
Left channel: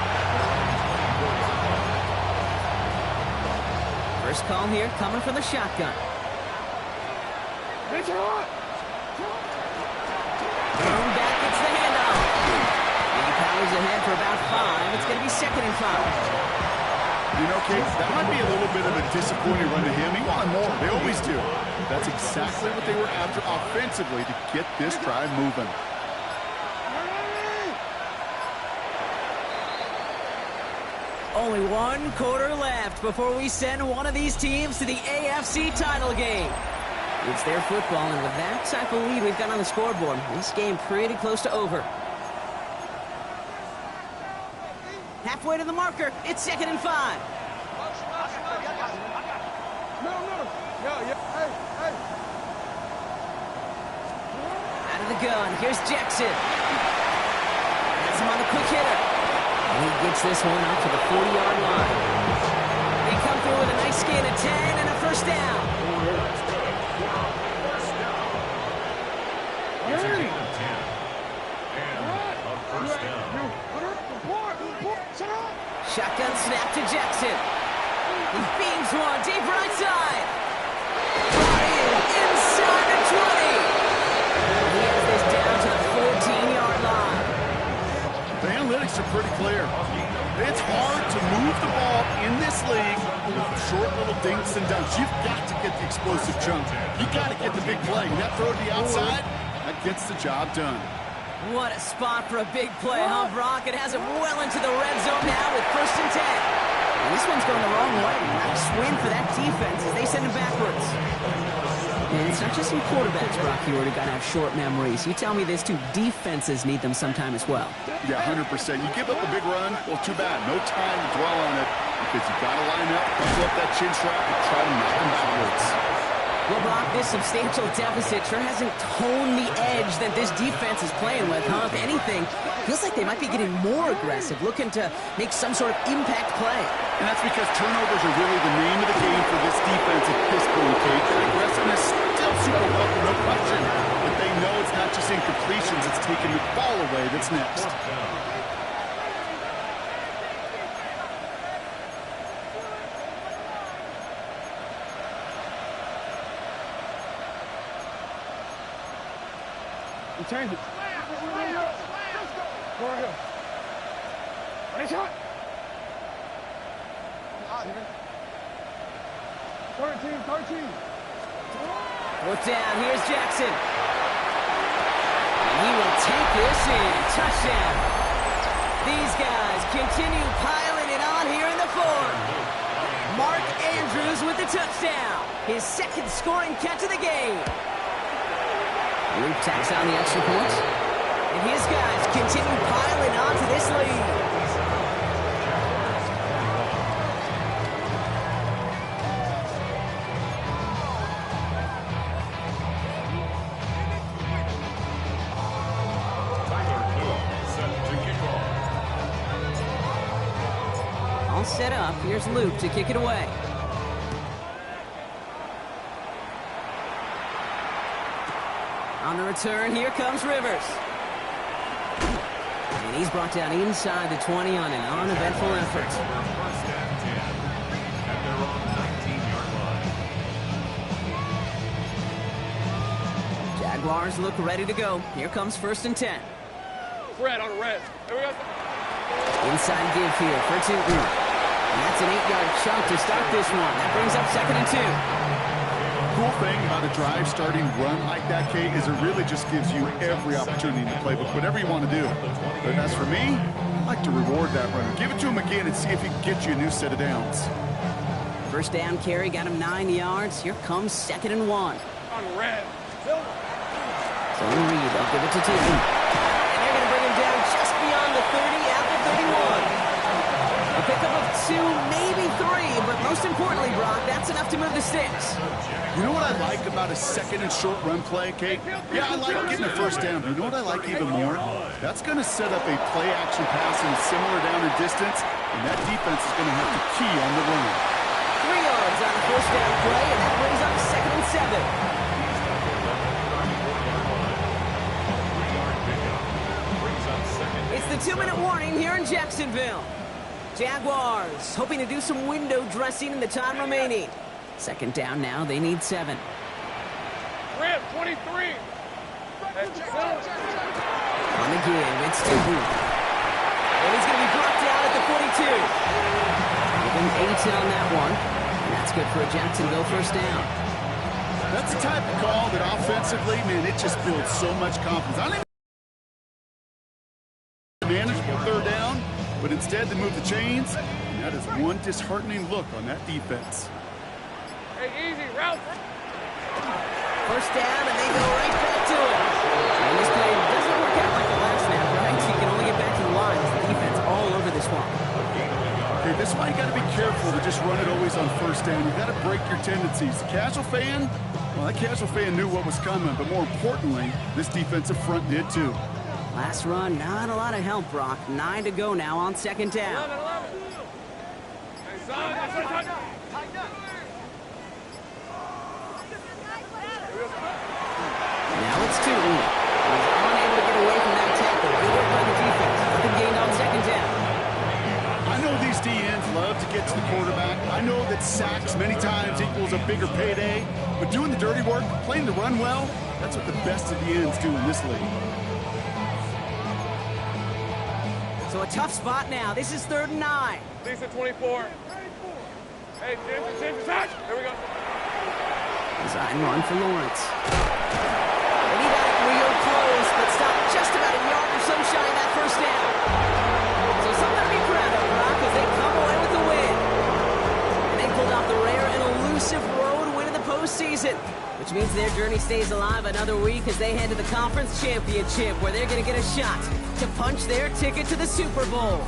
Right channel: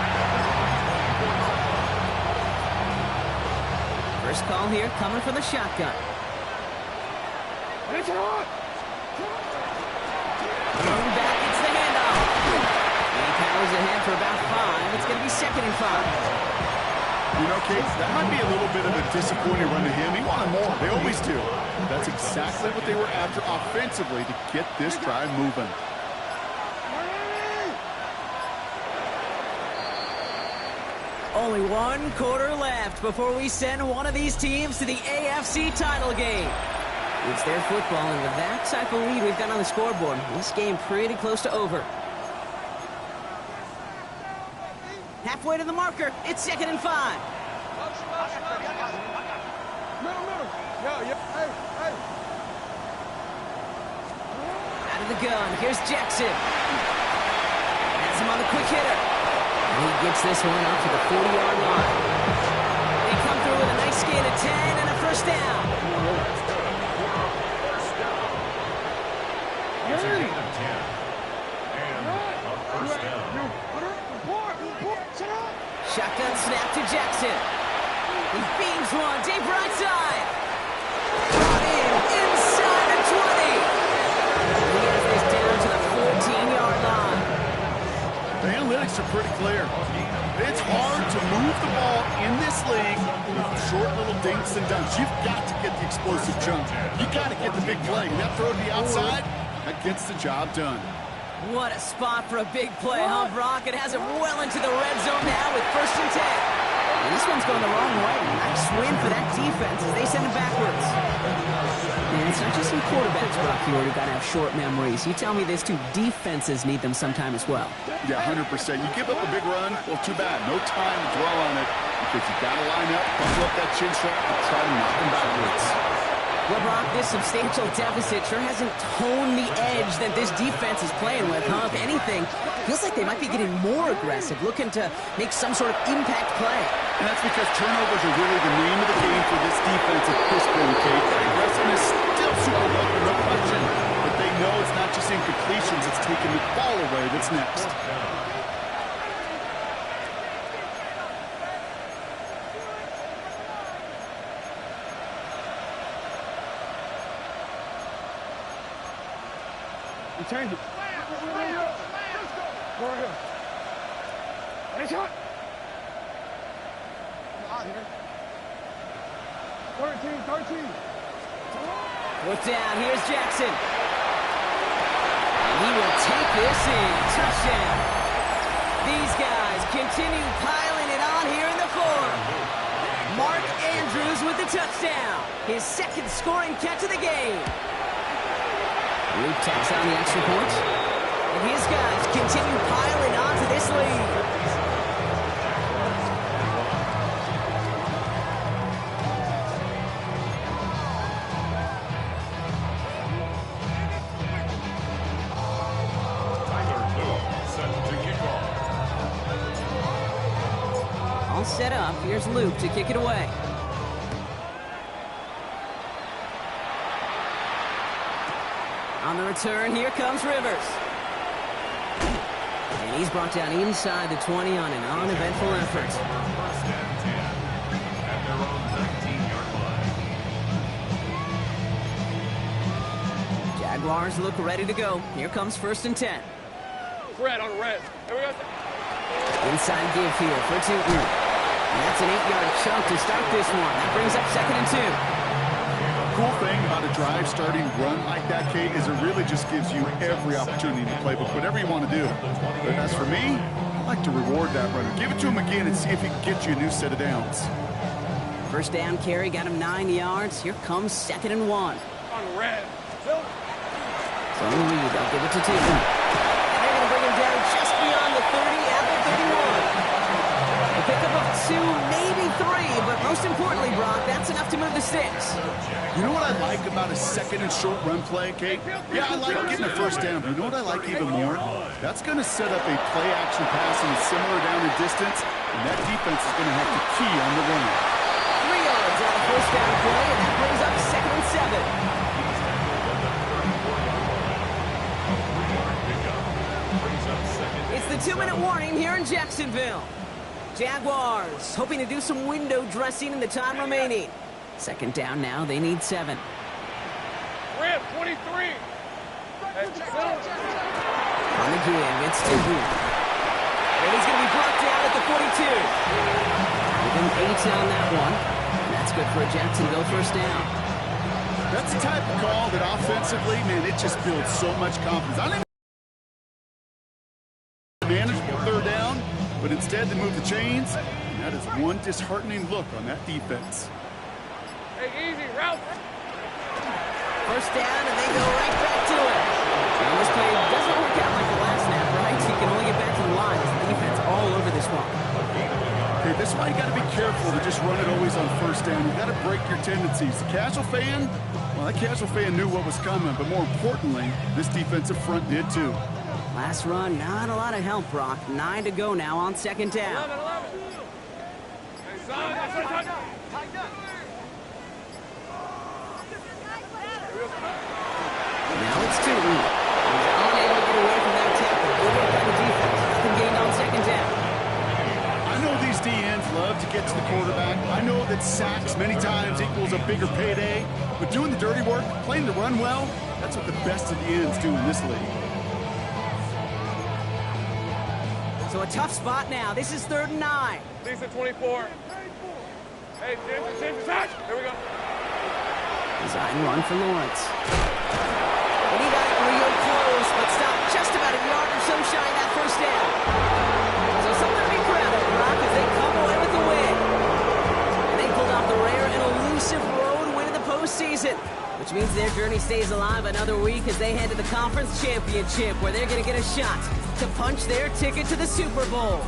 at their own 20-point line. First call here coming from the shotgun. It's hot. Going back, it's the handoff. And he powers ahead for about 5. It's going to be 2nd and 5. You know, Kate, that might be a little bit of a disappointing run to him. He wanted more. They always do. That's exactly what they were after offensively to get this drive moving. Only 1 quarter left before we send one of these teams to the AFC title game. It's their football, and with that type of lead we've got on the scoreboard, this game pretty close to over. Halfway to the marker, it's 2nd and 5. Middle. Yeah. Hey. Out of the gun, here's Jackson. Has him on the quick hitter. And he gets this one up to the 40-yard line. They come through with a nice gain of 10 and a first down. It's a gain of 10. And a first down. Shotgun snap to Jackson. He beams one deep right side. Brought in inside the 20. He has this down to the 14-yard line. The analytics are pretty clear. It's hard to move the ball in this league with short little dinks and dunks. You've got to get the explosive jump. You've got to get the big play. And that throw to the outside, that gets the job done. What a spot for a big play, huh, Brock? It has him well into the red zone now with 1st and 10. And this one's going the wrong way. Nice win for that defense as they send him backwards. And it's not just some quarterbacks, Brock, who got to have short memories. You tell me this too, defenses need them sometime as well. Yeah, 100%. You give up a big run, well, too bad. No time to dwell on it because you got to line up, buckle up that chin strap, and try to knock them backwards. Well, Brock, this substantial deficit sure hasn't toned the edge that this defense is playing with, huh? If anything, feels like they might be getting more aggressive, looking to make some sort of impact play. And that's because turnovers are really the name of the game for this defense at this point, Kate. That aggressiveness still super welcome, no question. But they know it's not just incompletions, it's taking the ball away that's next. We change it. Go right here. Ready, shot. I'm out here. 13. Fourth down, here's Jackson. And he will take this in. Touchdown. These guys continue piling it on here in the fourth. Mark Andrews with the touchdown. His second scoring catch of the game. Luke tacks on the extra point. And his guys continue piling on to this lead. All set up. Here's Luke to kick it away. On the return, here comes Rivers. And he's brought down inside the 20 on an uneventful effort. First and 10 at their own 19-yard line. Jaguars look ready to go. Here comes first and 10. Red on red. Here we go. Inside give here for Tootin. And that's an 8-yard chunk to start this one. That brings up second and 2. Cool thing about a drive starting run like that, Kate, is it really just gives you every opportunity in the playbook, whatever you want to do. But as for me, I like to reward that runner. Give it to him again and see if he can get you a new set of downs. First down carry got him 9 yards. Here comes second and 1. On red. So Reed, they'll give it to Tootin. And they're going to bring him down just beyond the 30 at the 31. A pickup of 2, maybe 3, but most importantly, Brock, that's enough to move the sticks. You know what I like about a second and short run play, Kate? Yeah, I like getting a first down, but you know what I like even more? That's going to set up a play-action pass in a similar down and distance, and that defense is going to have to key on the run. 3 yards on the first down play, and that brings up second and 7. He's tackled at the 34-yard line. A 3-yard pickup brings up second. It's the 2-minute warning here in Jacksonville. Jaguars hoping to do some window dressing in the time remaining. Second down now, they need 7. Red 23. On the give, it's Tootin. And he's going to be brought down at the 42. Give him 8 on that one. And that's good for a Jacksonville first down. That's the type of call that offensively, man, it just builds so much confidence. I don't even manageable third down, but instead they move the chains, and that is one disheartening look on that defense. Hey, easy, route. First down, and they go right back to it. And this play doesn't work out like the last snap, right? So you can only get back to the line as the defense all over this one. Okay, this is why you got to be careful to just run it always on first down. You got to break your tendencies. The casual fan, well, that casual fan knew what was coming, but more importantly, this defensive front did too. Last run, not a lot of help, Brock. 9 to go now on second down. 11. Hey, son, that's a touchdown. Now it's Tootin. He's unable to get away from that tackle. Good work by the defense. Nothing gained on second down. I know these DNs love to get to the quarterback. I know that sacks many times equals a bigger payday, but doing the dirty work, playing the run well, that's what the best of the ends do in this league. So a tough spot now. This is 3rd and 9. Lisa 24. Hey, James, touch. Here we go. Design run for Lawrence. And he got it real close, but stopped just about a yard or so shy of that first down. So something to be proud of, Brock, as they come away with the win. And they pulled off the rare and elusive road win in the postseason, which means their journey stays alive another week as they head to the conference championship, where they're going to get a shot to punch their ticket to the Super Bowl.